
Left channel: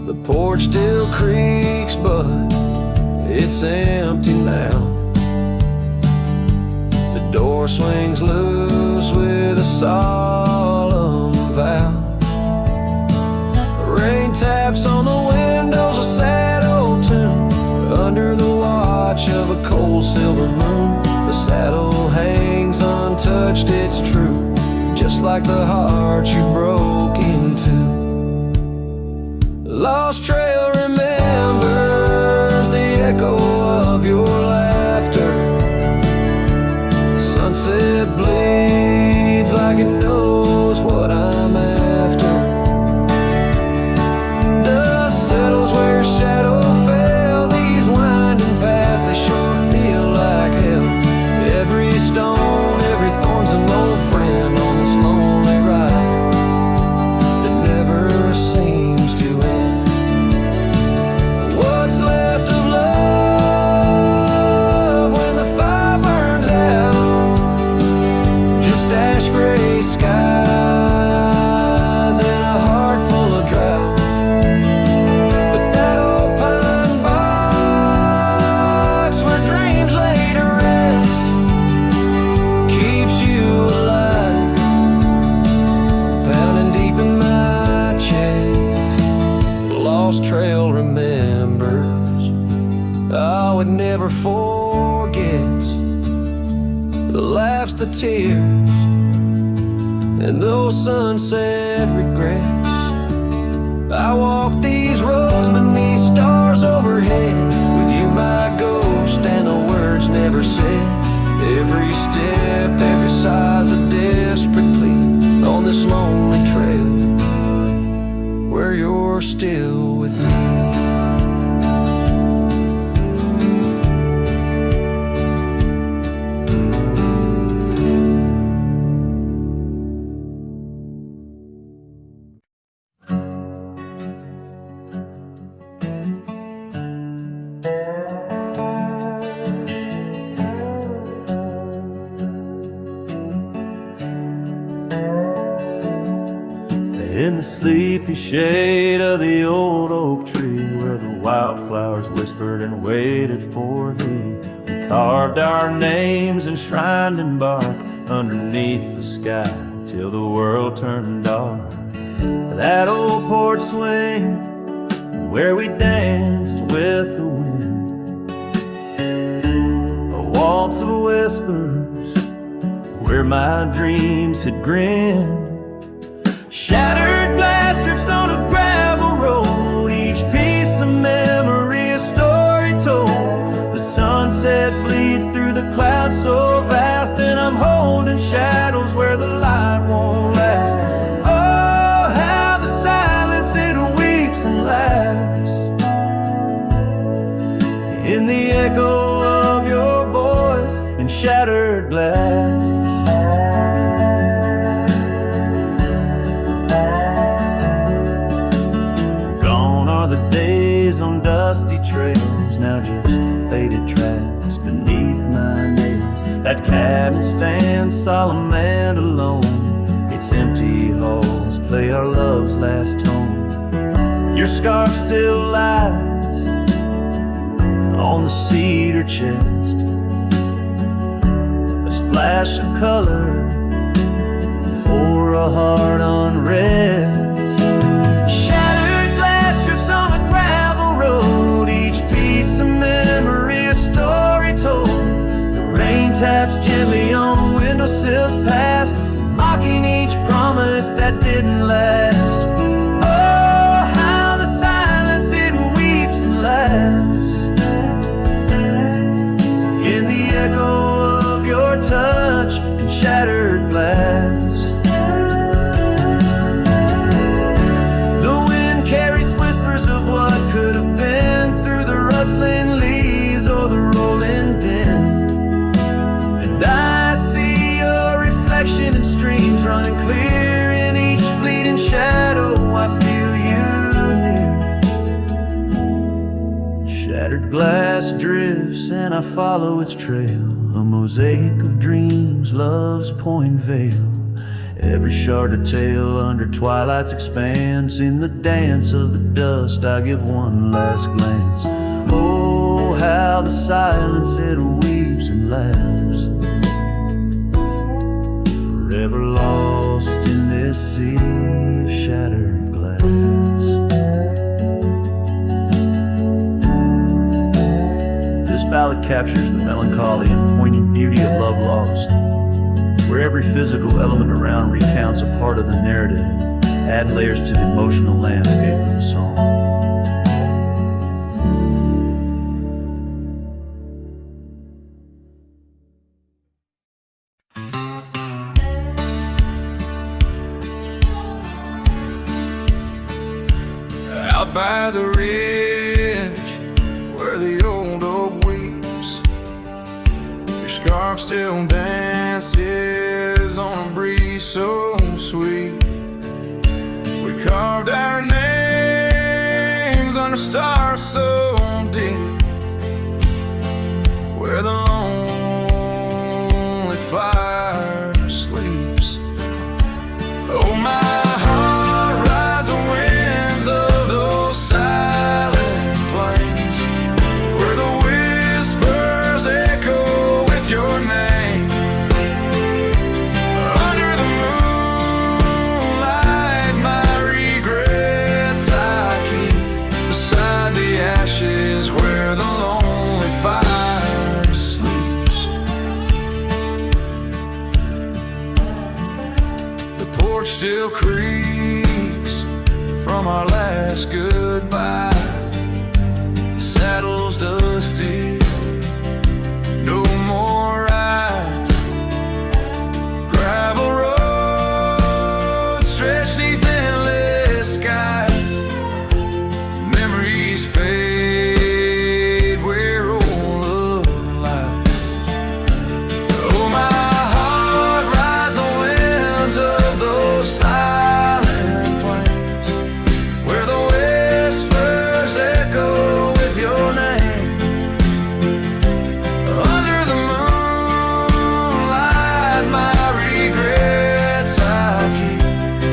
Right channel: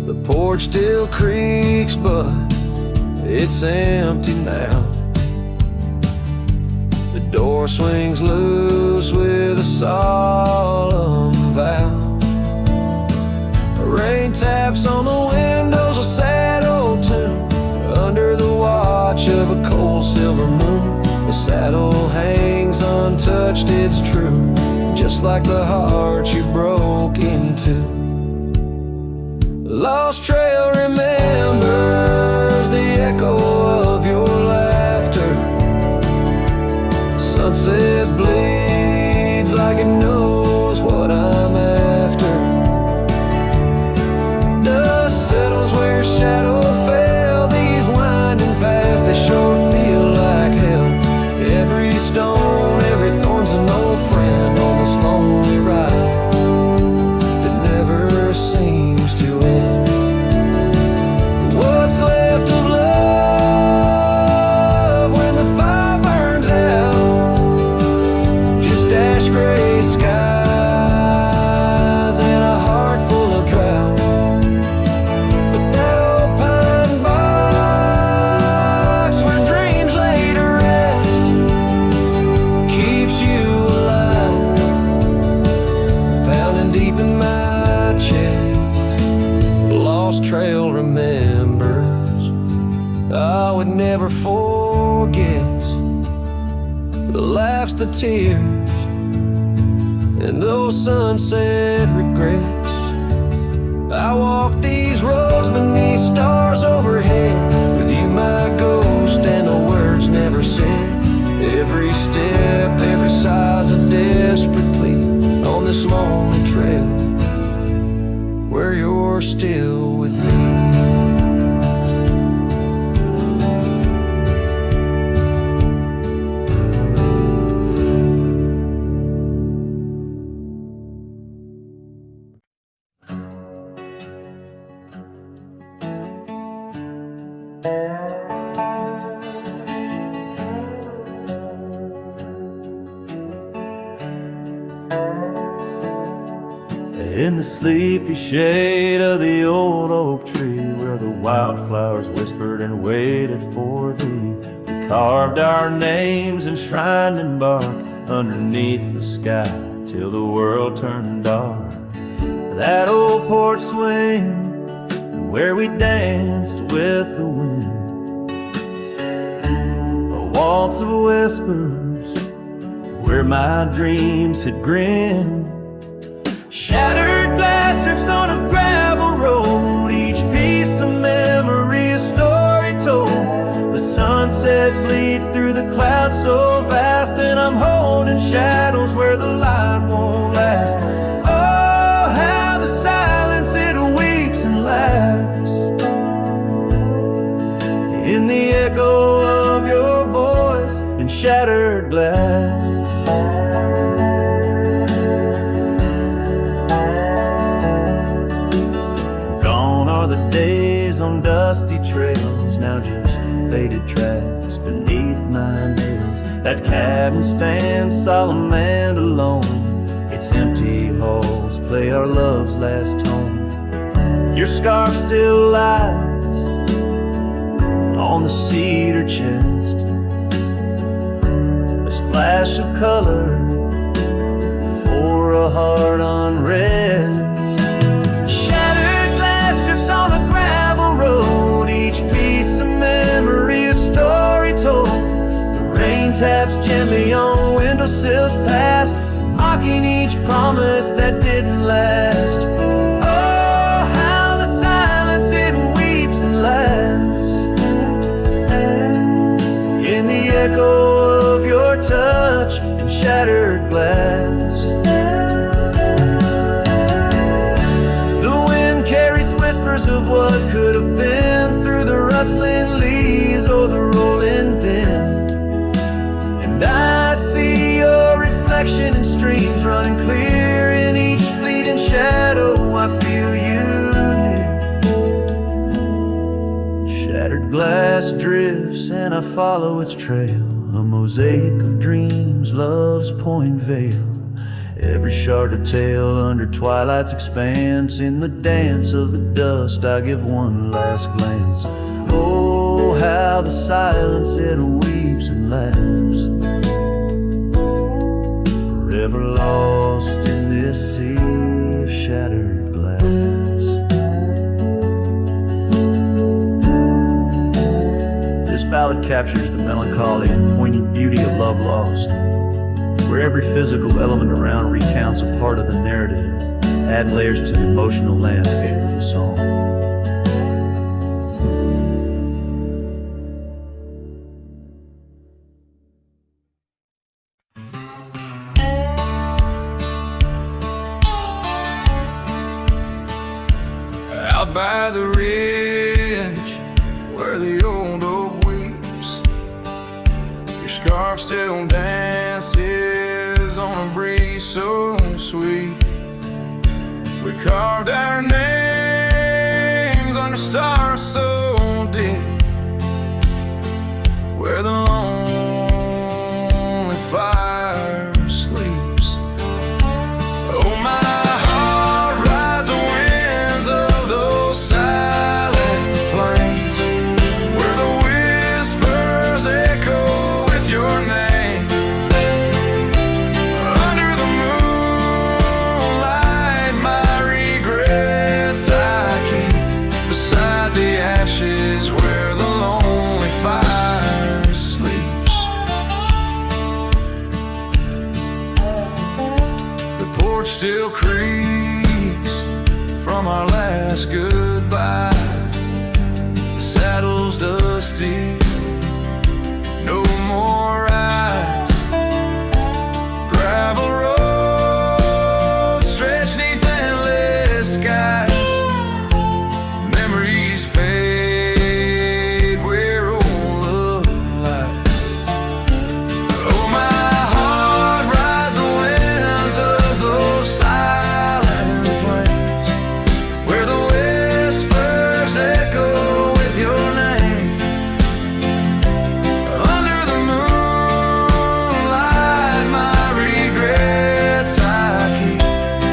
The porch still creaks, but it's empty now. The door swings loose with a solemn vow. Rain taps on the windows, a sad old tune. Under the watch of a cold silver moon, the saddle hangs untouched, it's true, just like the heart you broke into. Lost trail remembers the echo of your laughter. Sunset bleeds like it knows what I'm after. Dust settles where your shadow fell. These winding paths, they sure feel like hell. Every stone, every thorn's an old friend on this lonely ride that never seems to end. What's left of love when the fire burns out? Just ash gray skies and a heart full of drought. But that old pine box where dreams lay to rest keeps you alive, pounding deep in my chest. Lost trail remembers, I would never forget the laughs, the tears, and those sunset regrets. I walk these roads beneath stars overhead, with you my ghost and the words never said. Every step, every sigh's a desperate plea on this lonely trail where you're still with me. In the sleepy shade of the old oak tree, where the wildflowers whispered and waited for thee, we carved our names enshrined in bark underneath the sky till the world turned dark. That old porch swing where we danced with the wind, a waltz of whispers where my dreams had grinned. Shattered glass drifts on a gravel road, each piece of memory a story told. The sunset bleeds through the clouds so vast, and I'm holding shadows where the light won't last. Oh, how the silence it weeps and laughs in the echo of your voice and shattered glass. The days on dusty trails, now just faded tracks beneath my nails. That cabin stands solemn and alone, its empty halls play our love's last tone. Your scarf still lies on the cedar chest, a splash of color for a heart unrest. On a gravel road, each piece of memory a story told. The rain taps gently on windowsills past, mock breaking each promise that didn't last. Oh, how the silence it weeps and laughs in the echo of your touch and shattered glass. The wind carries whispers of what could have been through the rustling leaves or the rolling din. And I see your reflection in streams running clear in each fleeting shadow. I feel you near. Shattered glass drifts and I follow its trail, a mosaic of dreams, love's point veil. Every shard of tale under twilight's expanse. In the dance of the dust I give one last glance. Oh, how the silence it weeps and laughs, forever lost in this sea of shattered glass. This ballad captures the melancholy and poignant beauty of love lost, where every physical element around recounts a part of the narrative, adding layers to the emotional landscape of the song. Out by the ridge where the old oak weeps, your scarf still dances on a breeze so sweet. We carved our names under stars so deep, where the lonely fire sleeps. Oh, my heart rides the winds of those silent plains, where the whispers echo with your name. Under the moonlight, my regrets I keep beside the ashes where the lonely fire sleeps. The porch still creaks from our last goodbye. The saddle's dusty, no more rides. Gravel roads stretch neath endless skies. Memories fade where old love lies. Oh, my heart rides the winds of those silent plains, where the whispers echo with your name. Under the moonlight, my regrets I keep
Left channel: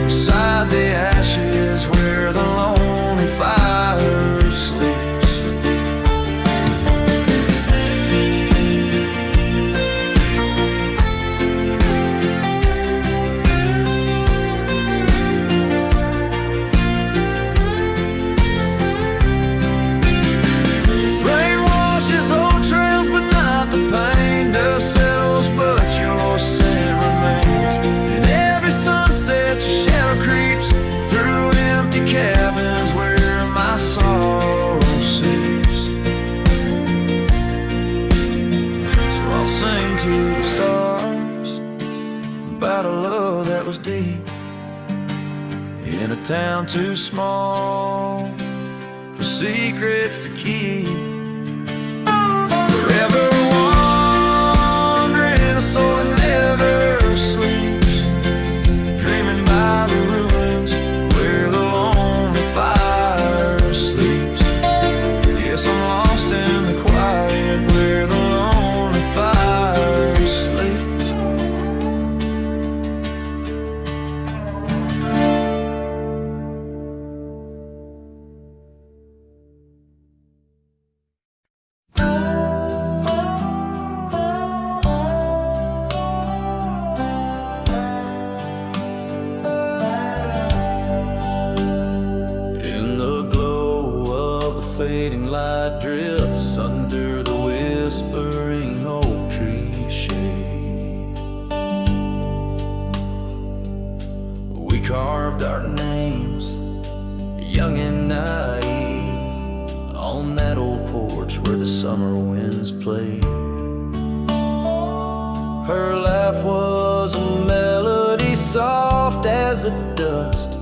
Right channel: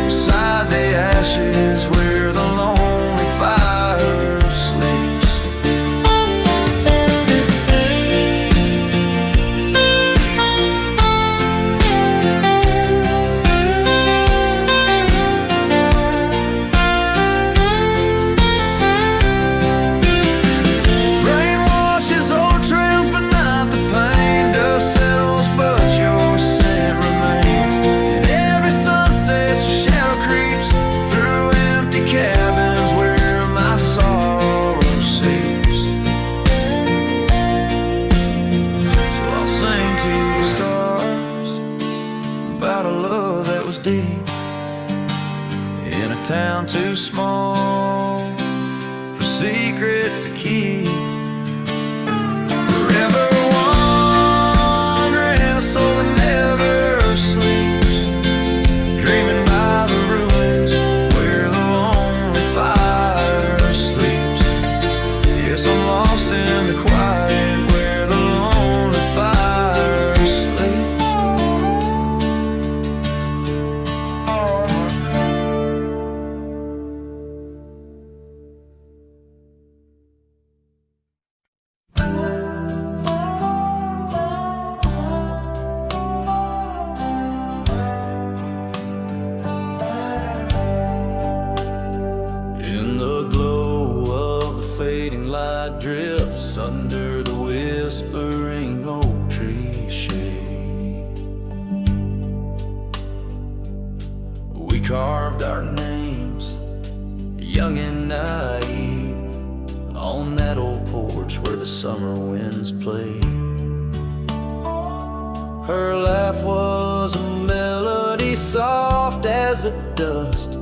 beside the ashes where the lonely fire sleeps. Rain washes old trails, but not the pain. Dust settles, but your scent remains. In every sunset, your shadow creeps through empty cabins where my sorrow seeps. So I'll sing to the stars about a love that was deep, in a town too small for secrets to keep. Forever wandering, a soul that never sleeps, dreaming by the ruins where the lonely fire sleeps. Yes, I'm lost in the quiet where the lonely fire sleeps. In the glow of the fading light drifts under the whispering oak tree shade. carved our names, young and naive, on that old porch where the summer winds played. Her laugh was a melody soft as the dust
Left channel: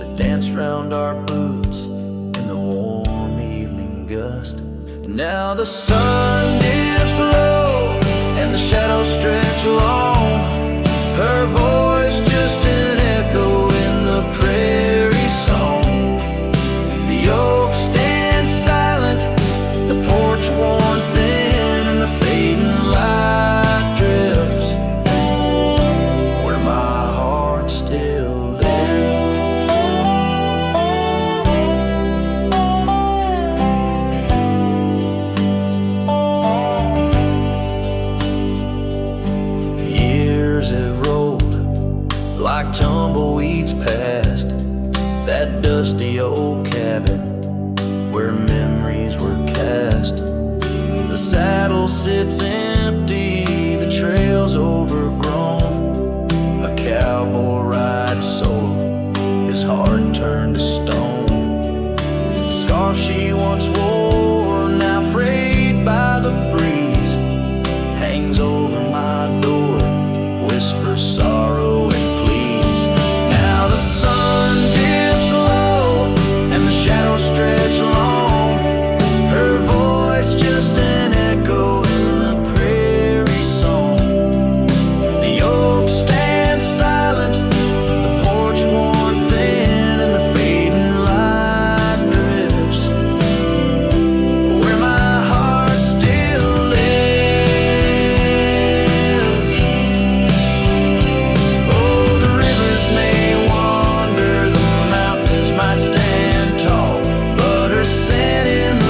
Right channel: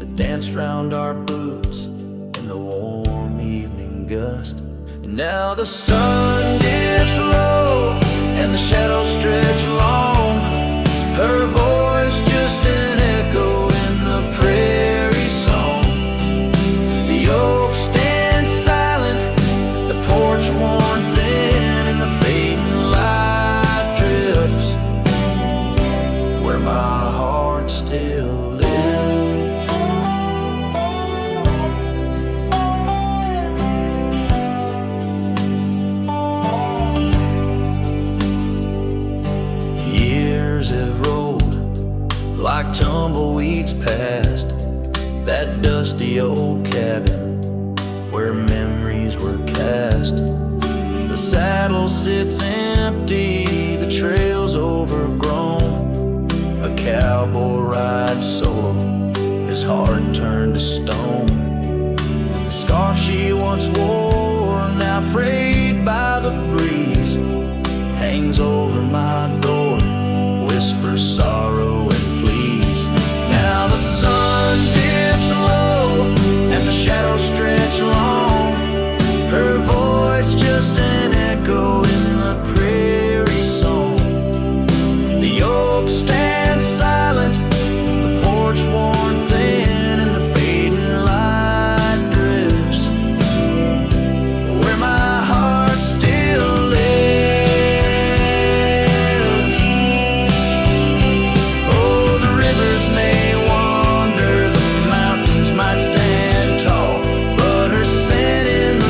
that danced round our boots in the warm evening gust. And now the sun dips low and the shadows stretch long, her voice just an echo in the prairie song. The oak stands silent, the porch worn thin, and the fading light drifts where my heart still lives. Years have rolled like tumbleweeds past that dusty old cabin where memories were cast. The saddle sits empty, the trail's overgrown. A cowboy rides solo, his heart turned to stone. The scarf she once wore, now frayed by the breeze, hangs over my door, whispers sorrow and please. Now the sun dips low and the shadows stretch long, her voice just an echo in the prairie song. The oak stands silent, the porch worn thin, and the fading light drifts where my heart still lives. Oh, the rivers may wander, the mountains might stand tall, but her scent in the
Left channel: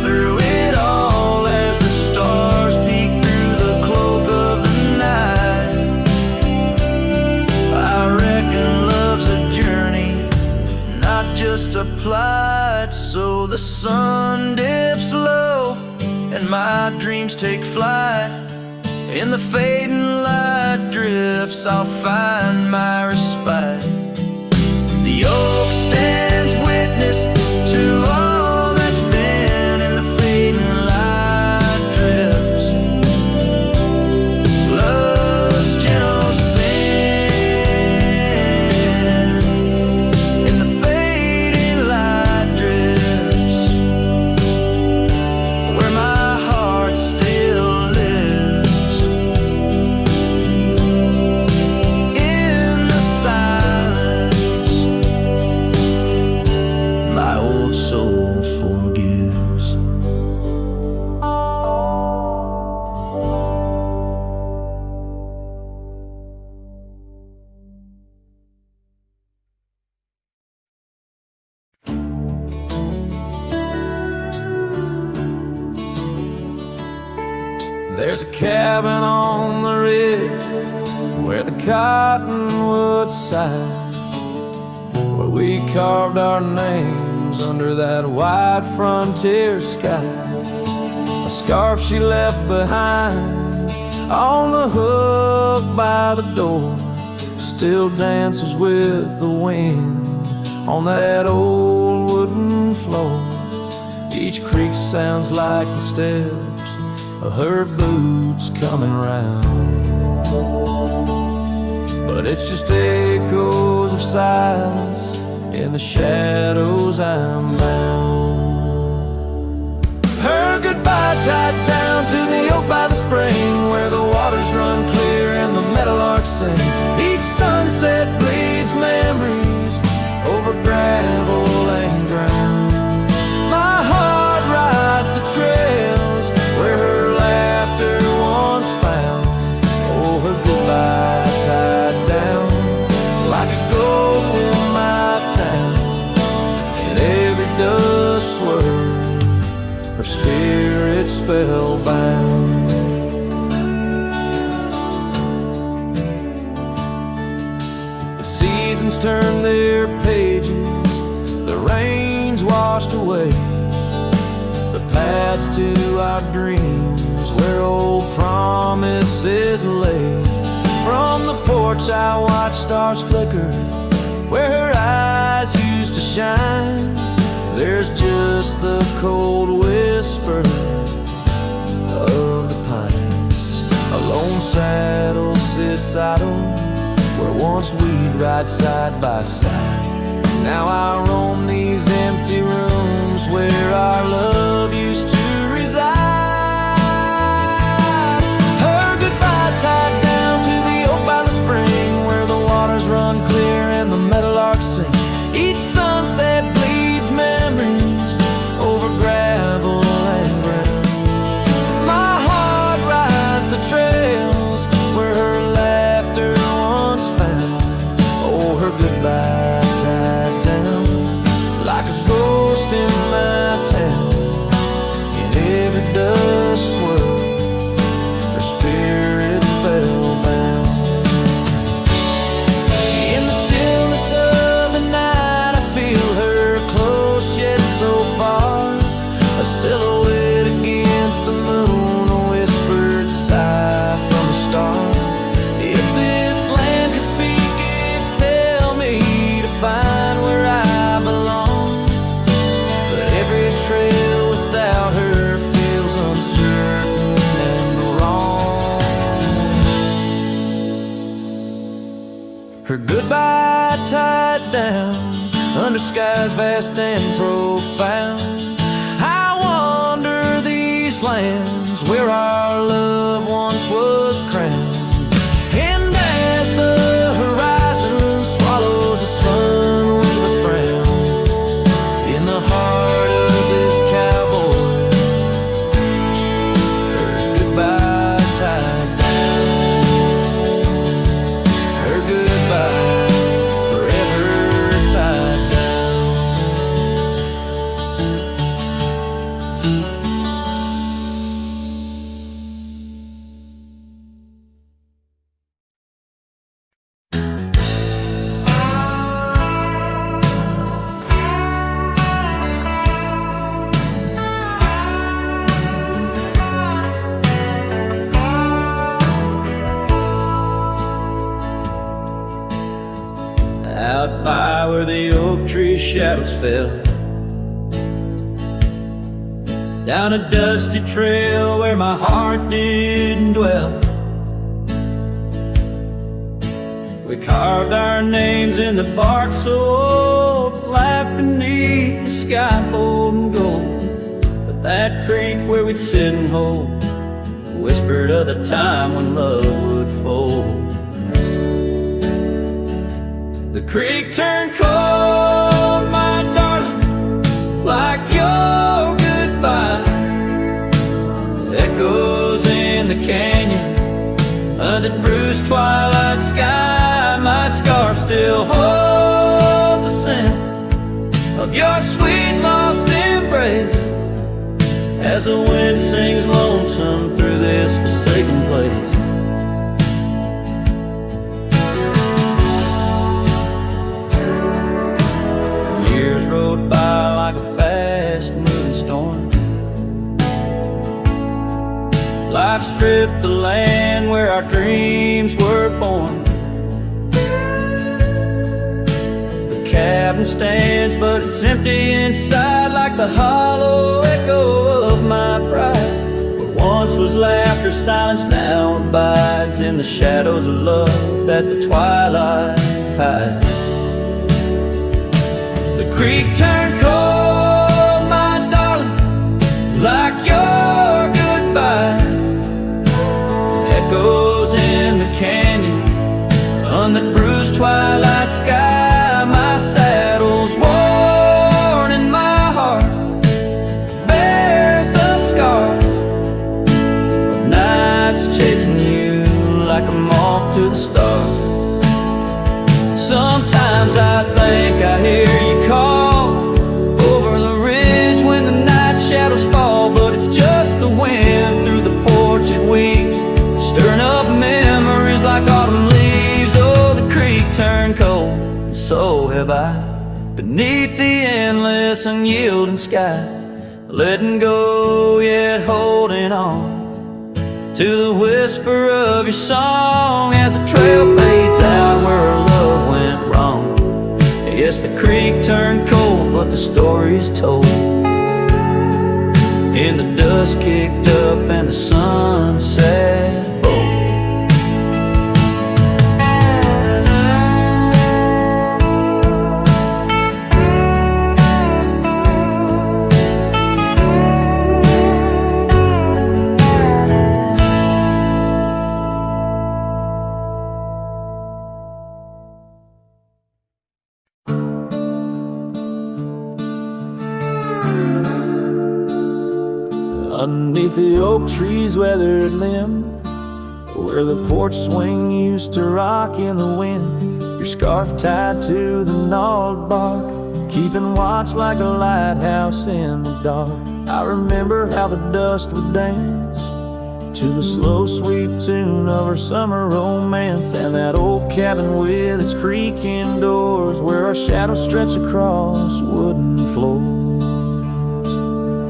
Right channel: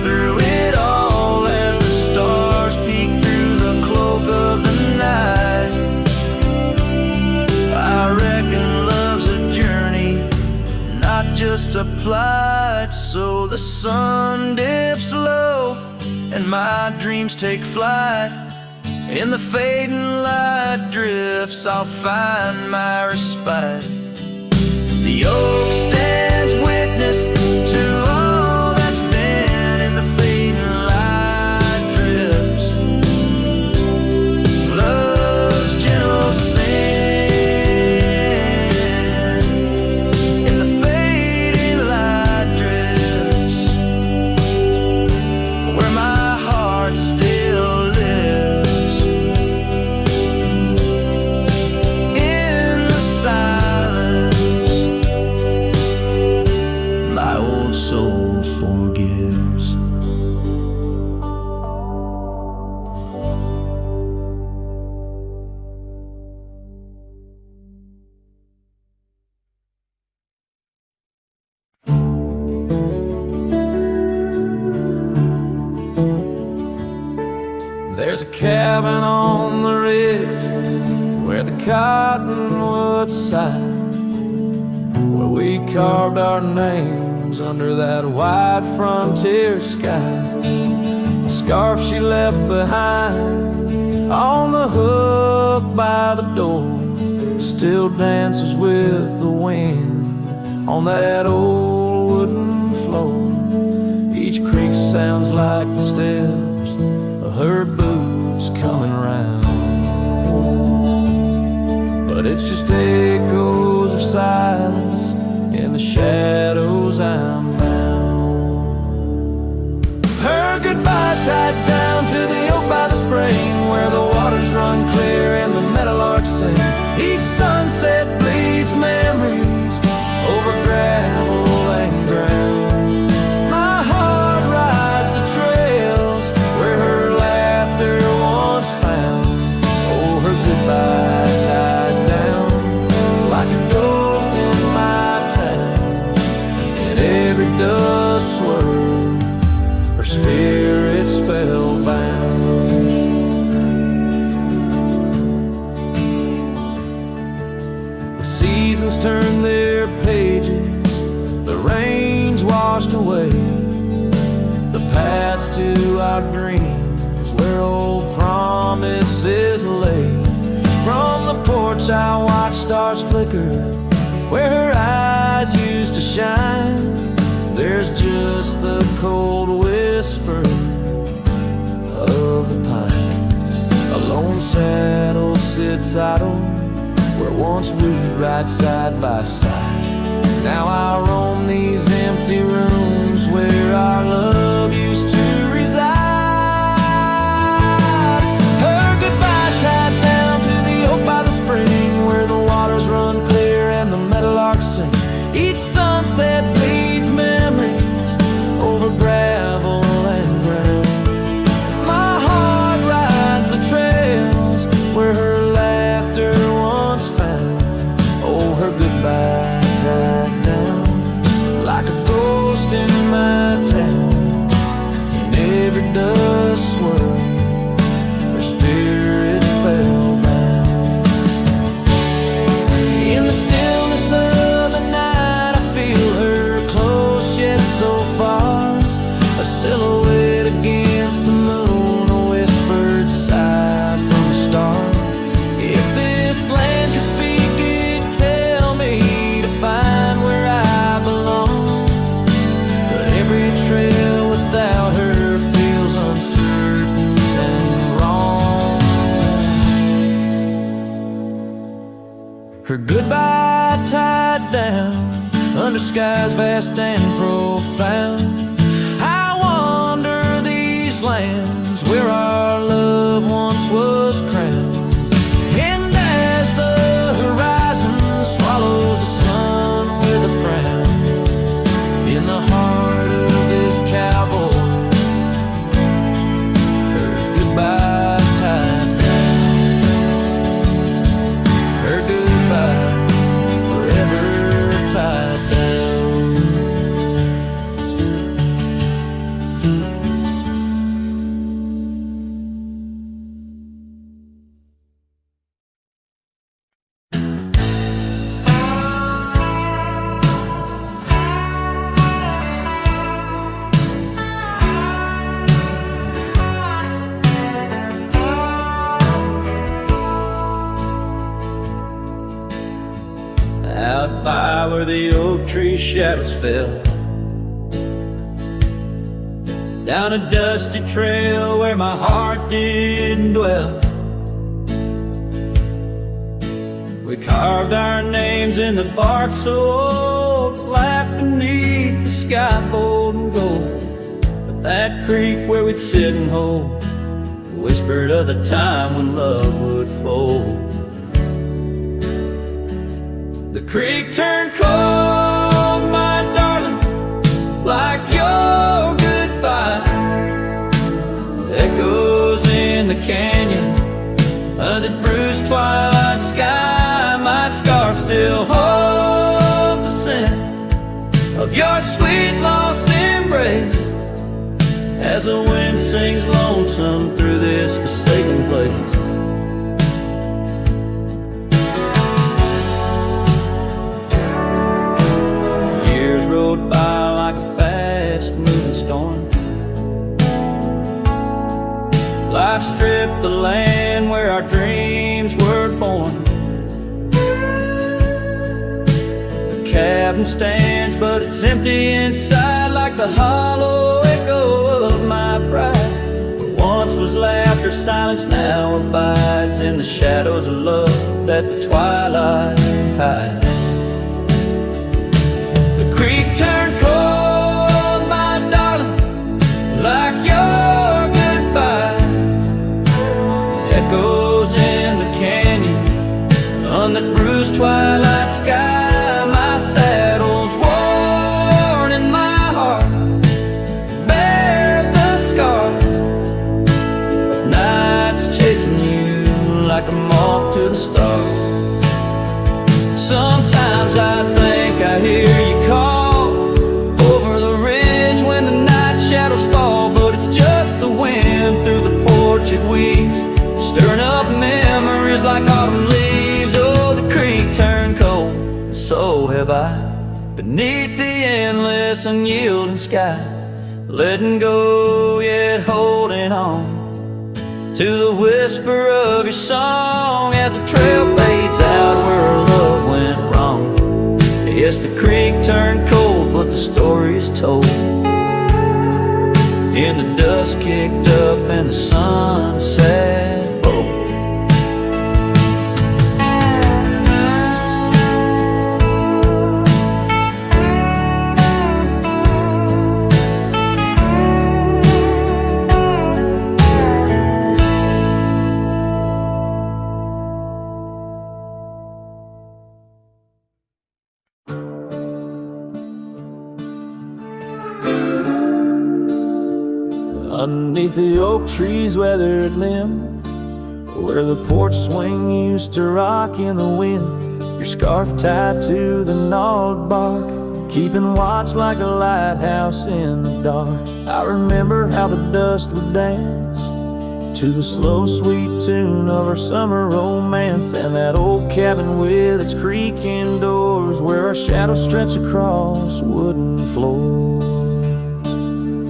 through it all as the stars peek through the cloak of the night. I reckon love's a journey, not just a plight. So the sun dips low and my dreams take flight. In the fading light drifts I'll find my respite. The oak stands witness to all soul forgives. There's a cabin on the ridge where the cottonwoods sigh, where we carved our names under that wide frontier sky. A scarf she left behind on the hook by the door still dances with the wind on that old wooden floor. Each creak sounds like the steps of her boots coming round, but it's just echoes of silence. In the shadows I'm bound. Her goodbye tied down to the oak by the spring, where the waters run clear and the meadowlarks sing. Each sunset bleeds memories over gravel and ground. My heart rides the trails where her laughter once found. Oh, her goodbye tied down like a ghost in my town. In every dust swirl, her spirit spellbound. The seasons turn their pages, the rains washed away the paths to our dreams where old promises lay. From the porch I watch stars flicker where her eyes used to shine. There's just the cold whisper of the pines. A lone saddle sits idle where once we'd ride side by side. Now I roam these empty rooms where our love used to reside. Her goodbye tied down to the oak by the spring where the waters run clear and the meadowlarks sing. Each sunset bleeds memories over gravel and ground. My heart rides the trails where her laughter once found. Oh, her goodbye tied down like a ghost in my town. In every dust swirl, her spirit spellbound. In the stillness of the night, I feel her close yet so far. A silhouette against the moon, a whispered sigh from a star. If this land could speak, it'd tell me to find where I belong. But every trail without her feels uncertain and wrong. Her goodbye tied down under skies vast and profound. I wander these lands where our love once was crowned. And as the horizon swallows the sun with a frown, in the heart of this cowboy, her goodbye's tied down. Her goodbye forever tied down. Out by where the oak tree shadows fell, down a dusty trail where my heart didn't dwell, we carved our names in the bark so old, laughed beneath the sky bold and gold. But that creek where we'd sit and hold whispered of the time when love would fold. The creek turned cold, my darling, like your goodbye. Echoes in the canyon, under the bruised twilight sky. My scarf still holds the scent of your sweet lost embrace, as the wind sings lonesome through this forsaken place. Years rode by like a fast-moving storm. Life stripped the land where our dreams were born. The cabin stands, but it's empty inside, like the hollow echo of my pride. What once was laughter, silence now abides in the shadows of love that the twilight hides. The creek turned cold, my darling, like your goodbye. Echoes in the canyon, on that bruised twilight sky. My saddle's worn and my heart bears the scars of nights chasing you like a moth to the stars. Sometimes I think I hear you call over the ridge when the night shadows fall, but it's just the wind through the porch it weeps, stirring up memories like autumn leaves. Oh, the creek turned cold, and so have I, beneath the endless unyielding sky, letting go yet holding on to the whisper of your song as the trail fades out where our love went wrong. Yes, the creek turned cold, but the story's told. And the dust kicked up and the sun set bold. Underneath the oak tree's weathered limb, where the porch swing used to rock in the wind, your scarf tied to the gnarled bark, keeping watch like a lighthouse in the dark. I remember how the dust would dance to the slow sweet tune of our summer romance, and that old cabin with its creaking doors where our shadows stretch across wooden floors.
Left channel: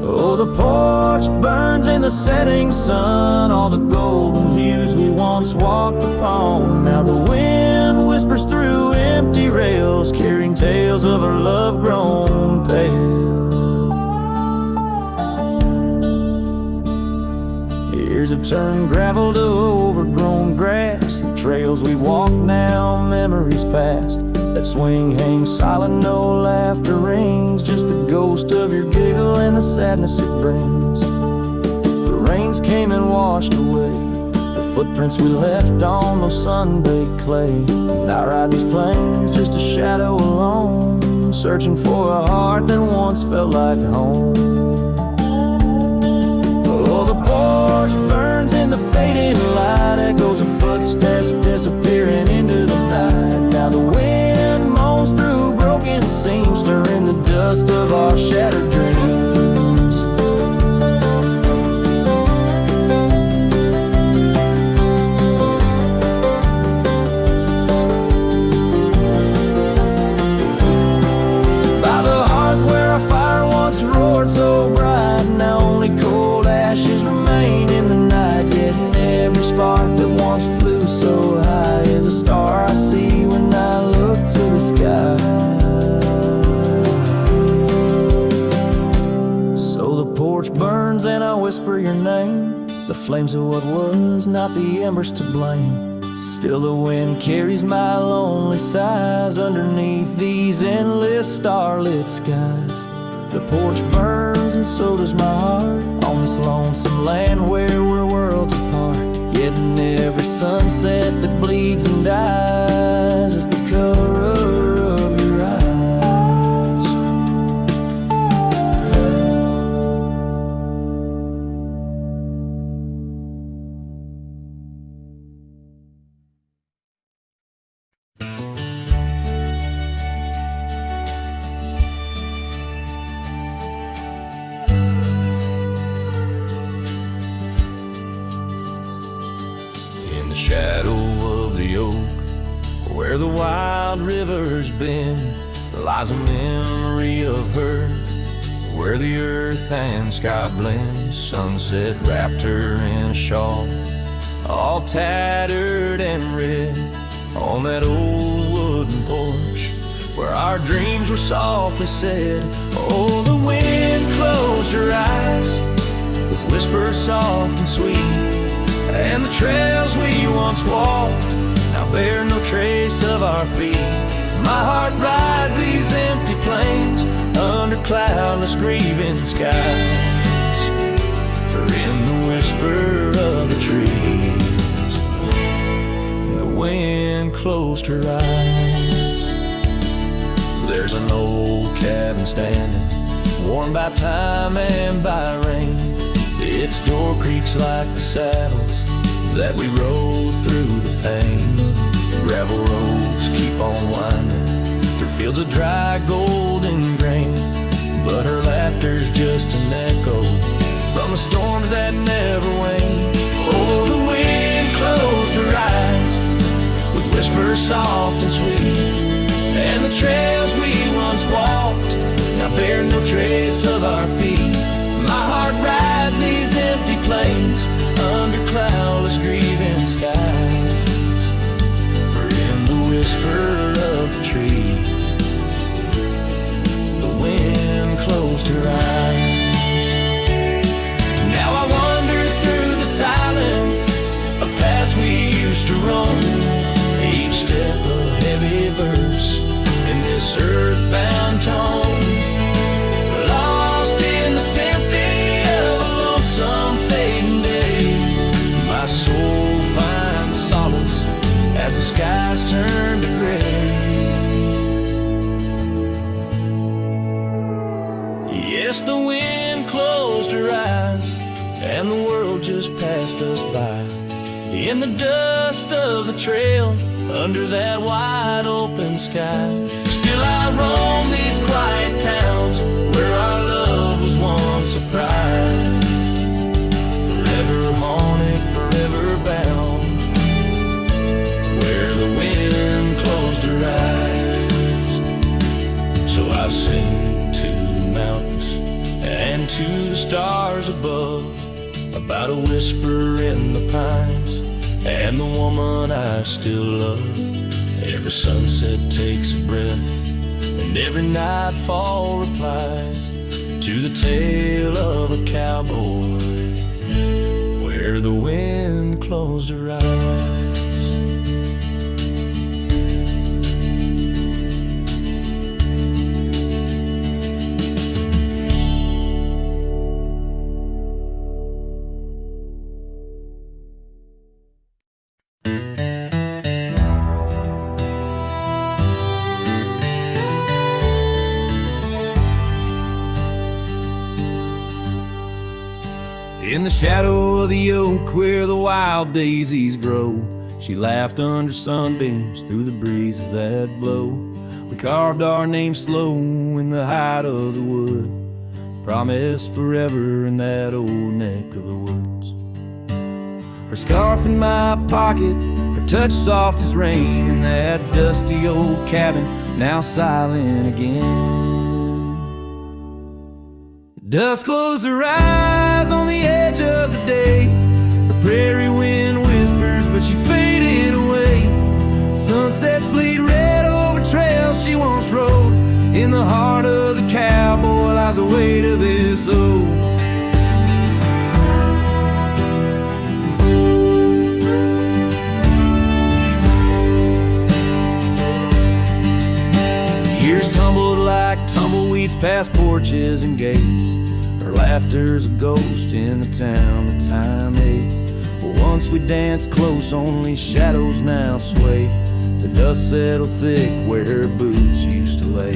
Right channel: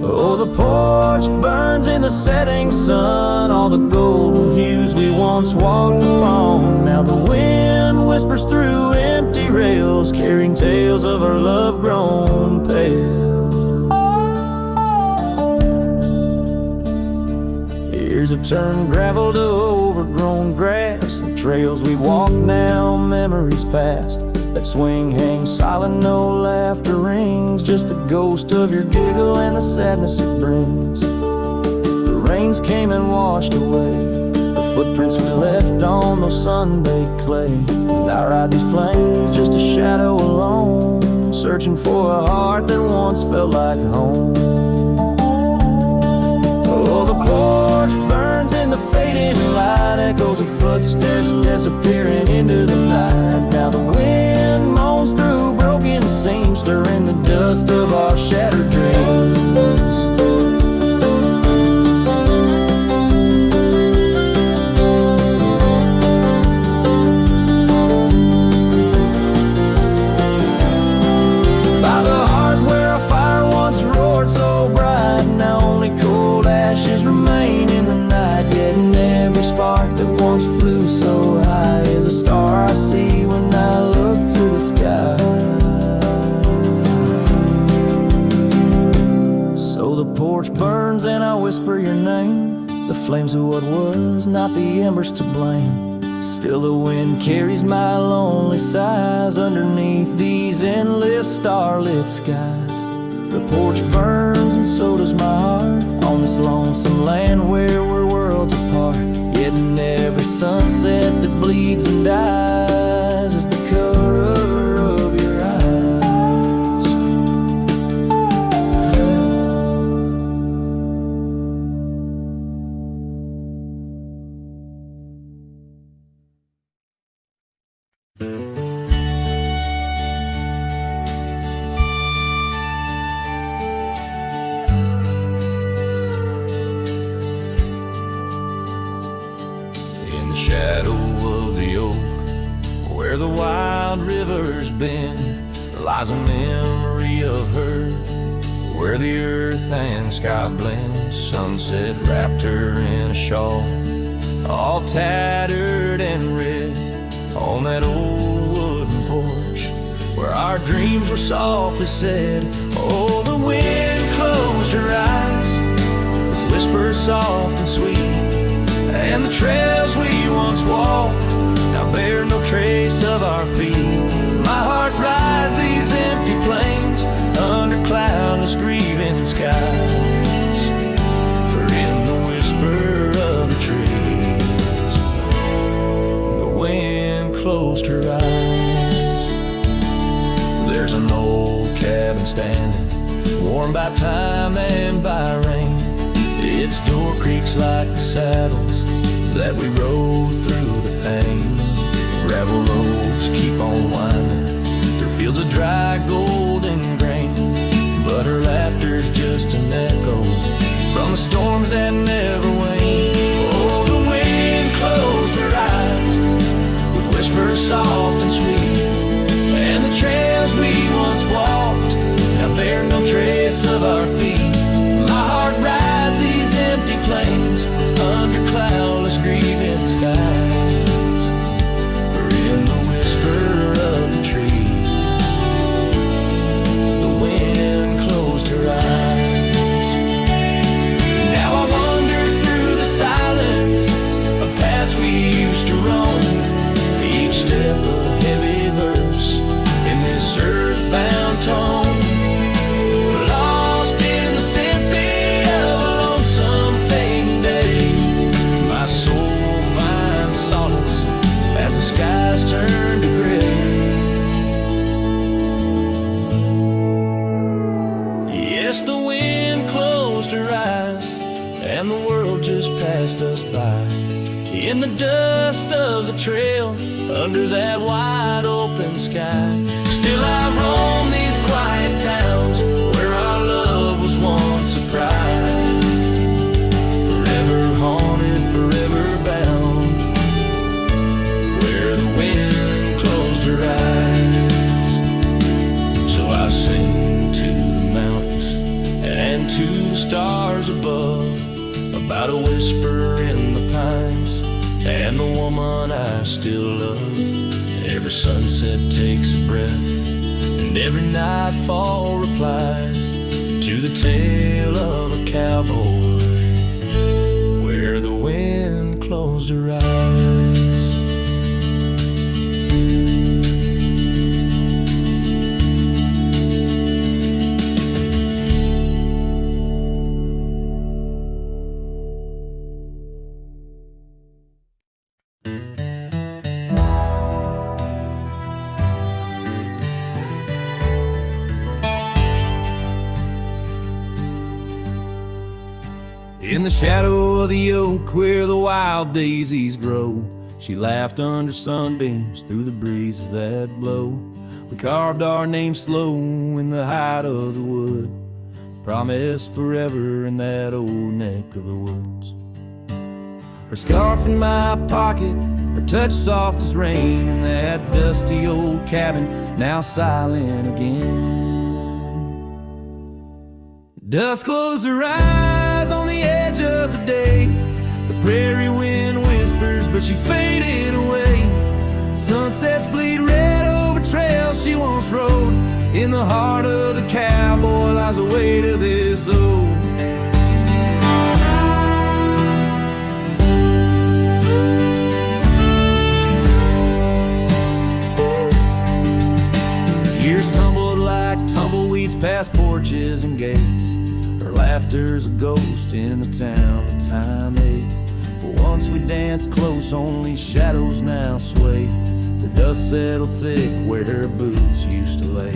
Oh, the porch burns in the setting sun, all the golden hues we once walked upon. Now the wind whispers through empty rails, carrying tales of our love grown pale. Years have turned gravel to overgrown grass, and trails we walk now, memories past. That swing hangs silent, no laughter rings, just the ghost of your giggle and the sadness it brings. The rains came and washed away the footprints we left on those sun-baked clay. And I ride these plains just a shadow alone, searching for a heart that once felt like home. Oh, the porch burns in the fading light, echoes of footsteps disappearing into the night. Now the wind moans through broken seams, stirring the dust of our shattered dreams. By the hearth where a fire once roared so bright, now only cold ashes remain in the night. Yet in every spark that once flew so high is a star I see when I look to the sky. So the porch burns and I whisper your name, the flames of what was, not the embers to blame. Still the wind carries my lonely sighs underneath these endless starlit skies. The porch burns and so does my heart on this lonesome land where we're worlds apart. Yet in every sunset that bleeds and dies is the color of your eyes. In the shadow of the oak, where the wild river's been, lies a memory of her, where the earth and sky blend. Sunset wrapped her in a shawl, all tattered and red, on that old wooden porch where our dreams were softly said. Oh, the wind closed her eyes with whispers soft and sweet, and the trails we once walked now bear no trace of our feet. My heart rides these empty plains under cloudless grieving skies, for in the whisper of the trees the wind closed her eyes. There's an old cabin standing, warmed by time and by rain. Its door creaks like the saddles that we rode through the pain. Gravel roads keep on winding through fields of dry golden grain, but her laughter's just an echo from the storms that never wane. Oh, the wind closed her eyes with whispers soft and sweet, and the trails we once walked now bear no trace of our feet. My heart rides these empty plains under cloudless grieving skies, or in the whisper of the trees, the wind closed her eyes. Now I wander through the silence of paths we used to roam, each step a heavy verse in this earthbound tone, lost in the symphony of a lonesome fading day. My soul finds solace as the skies turn to gray. Yes, the wind closed her eyes, and the world just passed us by, in the dust of the trail, under that wide open sky. Still I roam these quiet towns where our love was once surprised, forever haunted, forever bound, where the wind closed her eyes. So I sing to the mountains and to the stars above, about a whisper in the pines and the woman I still love. Every sunset takes a breath, and every nightfall replies to the tale of a cowboy, where the wind closed her eyes. In the shadow of the oak where the wild daisies grow, she laughed under sunbeams through the breezes that blow. We carved our names slow in the height of the wood, promised forever in that old neck of the woods. Her scarf in my pocket, her touch soft as rain, in that dusty old cabin now silent again. Dusk closed her eyes on the edge of the day. The prairie wind whispers, but she's faded away. Sunsets bleed red over trails she once rode. In the heart of the cowboy lies the weight of this old. Years tumbled like tumbleweeds past porches and gates. Her laughter's a ghost in the town that time ate. But once we danced close, only shadows now sway. The dust settled thick where her boots used to lay.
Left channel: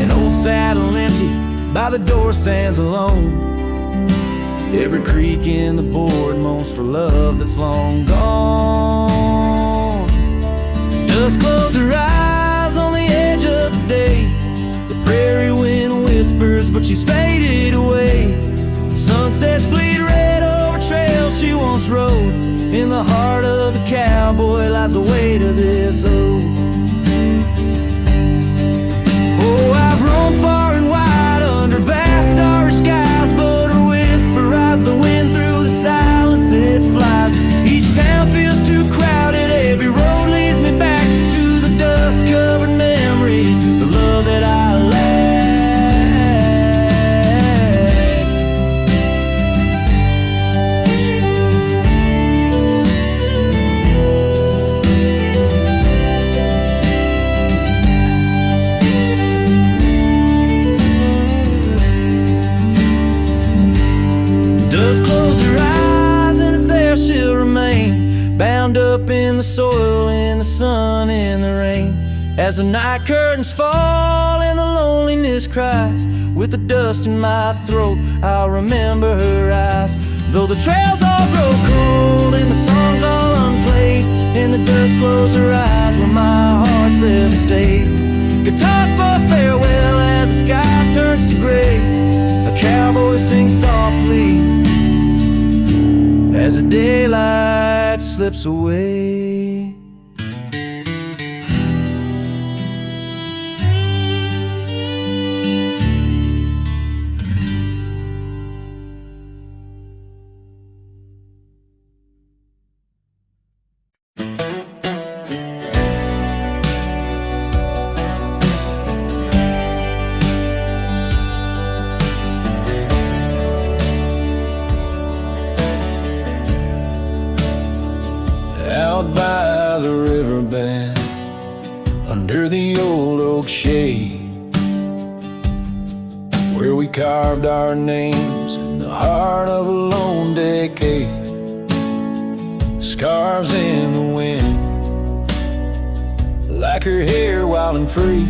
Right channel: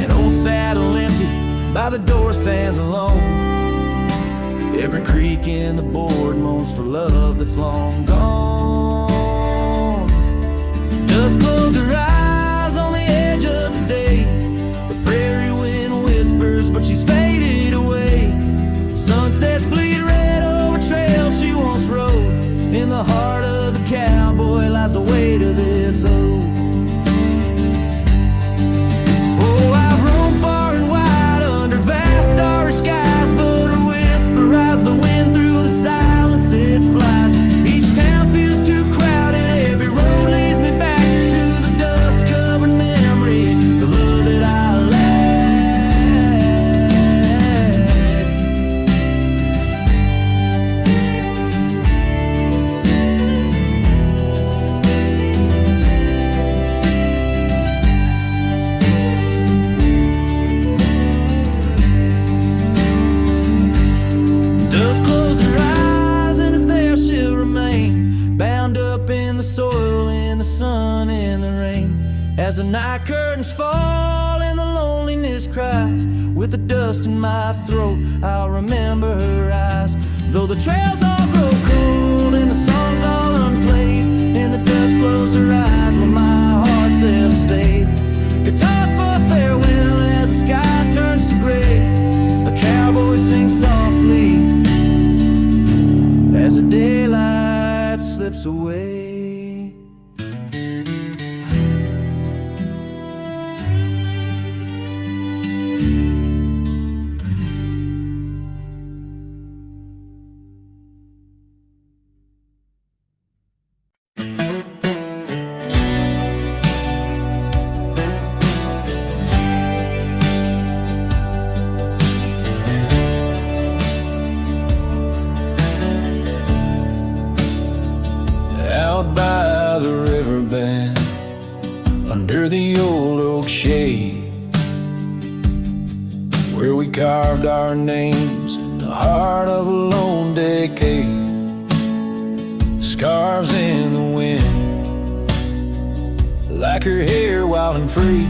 An old saddle empty by the door stands alone. Every creak in the board moans for love that's long gone. Dusk closed her eyes on the edge of the day. The prairie wind whispers, but she's faded away. Sunsets bleed red over trails she once rode. In the heart of the cowboy lies the weight of this old. Oh, I've roamed far and wide under vast starry skies, but her whisper rides the wind through the silence it flies. Each town feels too crowded, every road leads me back to the dust-covered memories, the love that I lack. Dust close her eyes and it's there she'll remain, bound up in the soil, in the sun, in the rain. As the night curtains fall and the loneliness cries, with the dust in my throat I'll remember her eyes. Though the trails all grow cold and the songs all unplayed, and the dust close her eyes when my heart's ever stayed. Guitars for farewell as the sky turns to gray. A cowboy sings softly as the daylight slips away. river bend under the old oak shade, where we carved our names in the heart of a lone decade. Scarves in the wind, like her hair wild and free.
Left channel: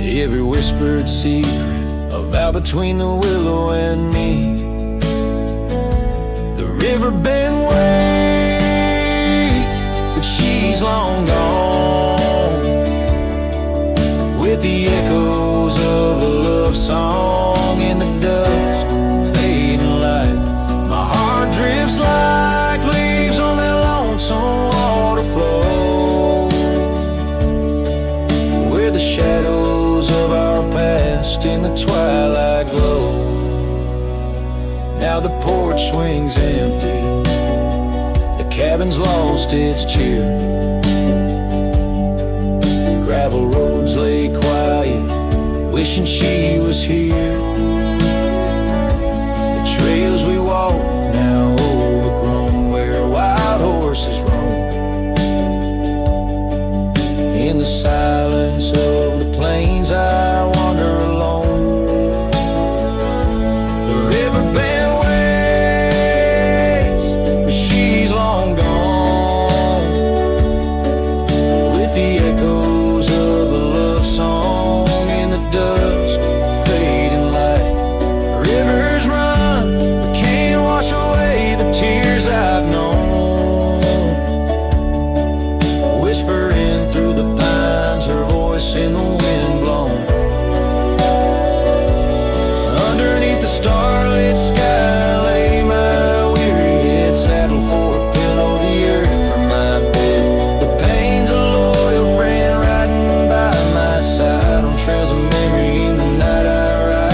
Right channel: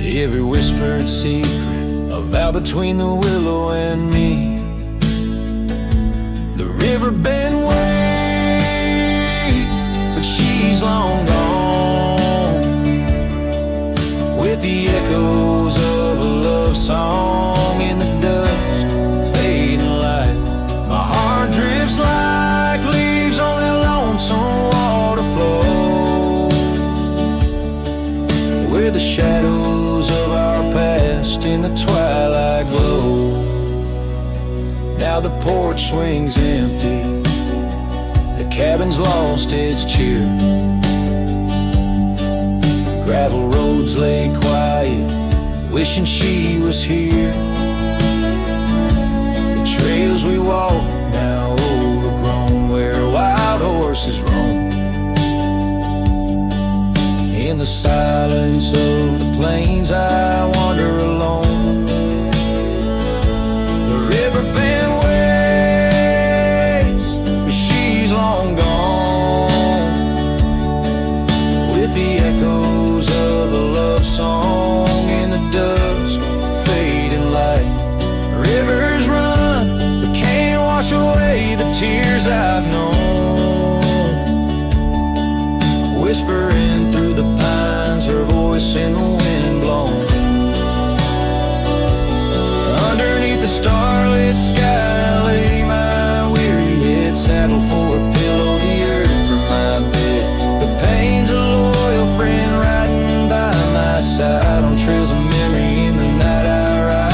Every whispered secret, a vow between the willow and me. The river bend waits, but she's long gone, with the echoes of a love song in the dust, fading light. My heart drifts like leaves on that lonesome water flow, where the shadows of our past in the twilight glow. Now the porch swings empty, the cabin's lost its cheer. Gravel roads lay quiet, wishing she was here. The trails we walk now overgrown, where wild horses roam. In the silence of the plains I wander alone. The river bend waits, but she's long gone, with the echoes of a love song in the dusk, fading light. Rivers run, but can't wash away the tears I've known. Whispering through the pines, her voice in the wind blown. Underneath the starlit sky lay my weary head, saddled for a pillow, the earth for my bed. The pain's a loyal friend riding by my side, on trails of memory in the night I ride.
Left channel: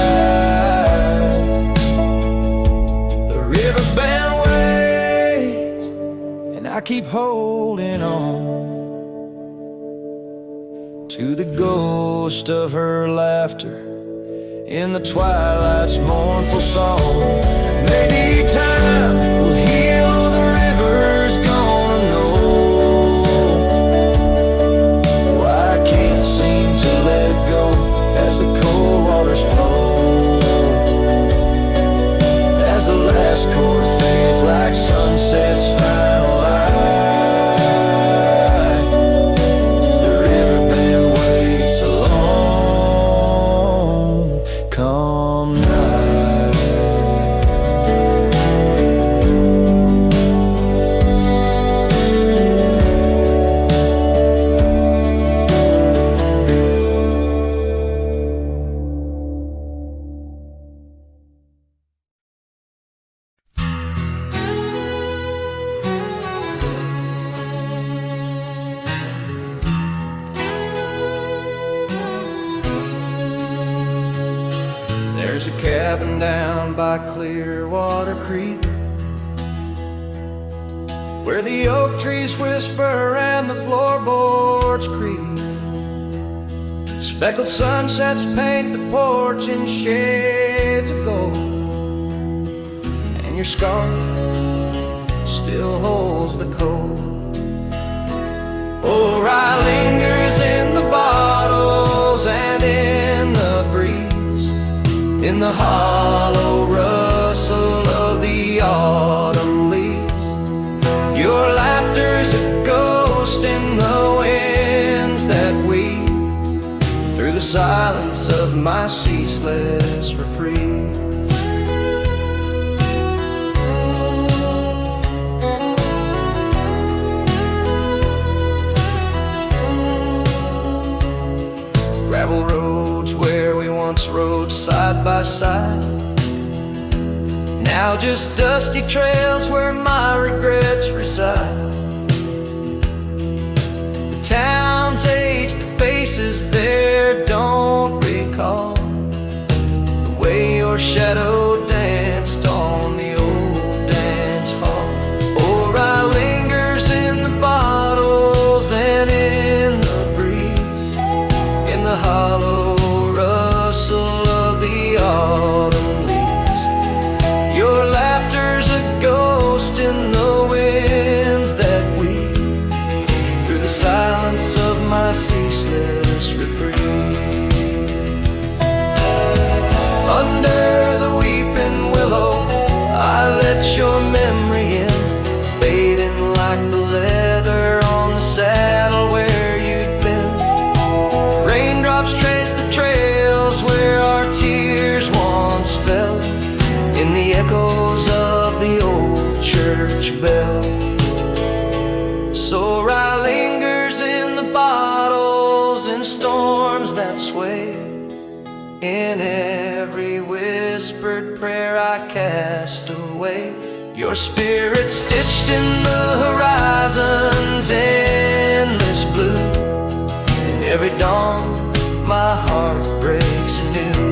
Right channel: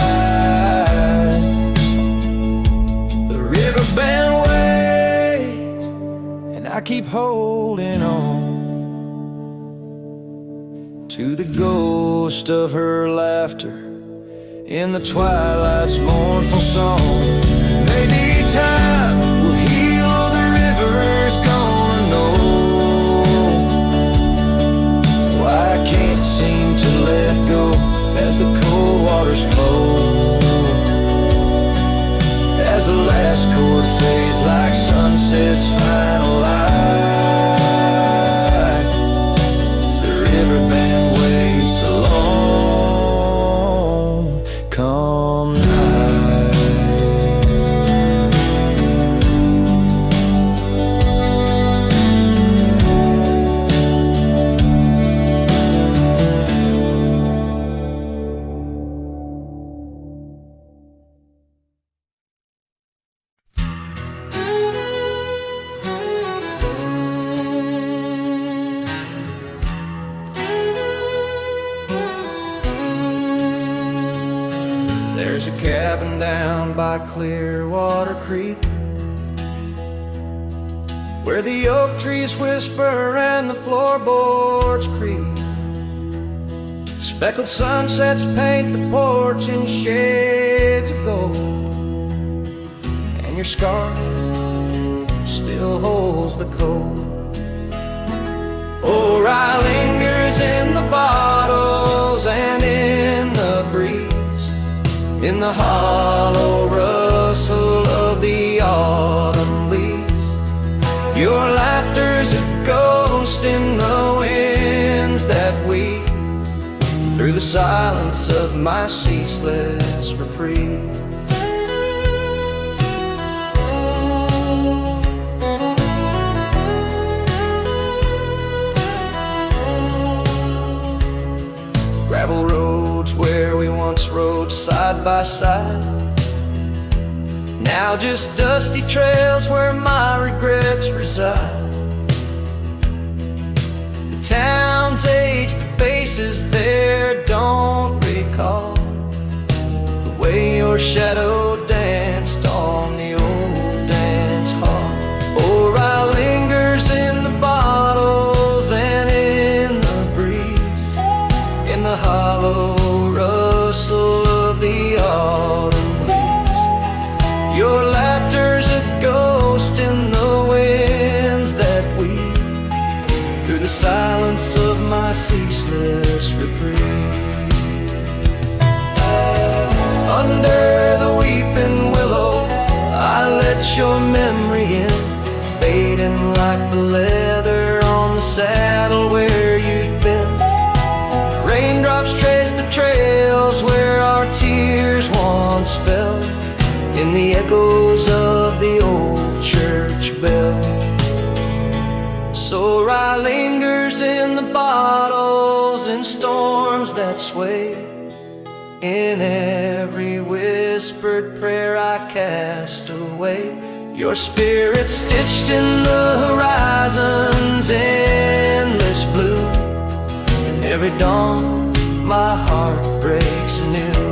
The river bend waits, and I keep holding on to the ghost of her laughter in the twilight's mournful song. Maybe time will heal, the river's gonna know why I can't seem to let go as the cold waters flow. As the last chord fades like sunset's final light, the river bend waits alone come night. There's a cabin down by Clearwater Creek, where the oak trees whisper and the floorboards creak. Speckled sunsets paint the porch in shades of gold, and your scarf still holds the cold. Oh, rye lingers in the bottles and in the breeze, in the hollow rustle of the autumn leaves. Your laughter's a ghost in the winds that weave through the silence of my ceaseless reprieve. Gravel roads where we once rode side by side, now just dusty trails where my regrets reside. The town's age, the faces there don't recall the way your shadow danced on the old dance hall. Or I lingers in the bottles and in the breeze, in the hollow rustle of the autumn leaves. Your laughter's a ghost in the winds that my ceaseless reprieve. Under the weeping willow, I let your memory in, fading like the leather on the saddle where you'd been. Raindrops trace the trails where our tears once fell, in the echoes of the old church bell. So rye lingers in the bottles in storms that sway. In every whispered prayer I cast away, your spirit stitched in the horizon's endless blue. In every dawn my heart breaks anew.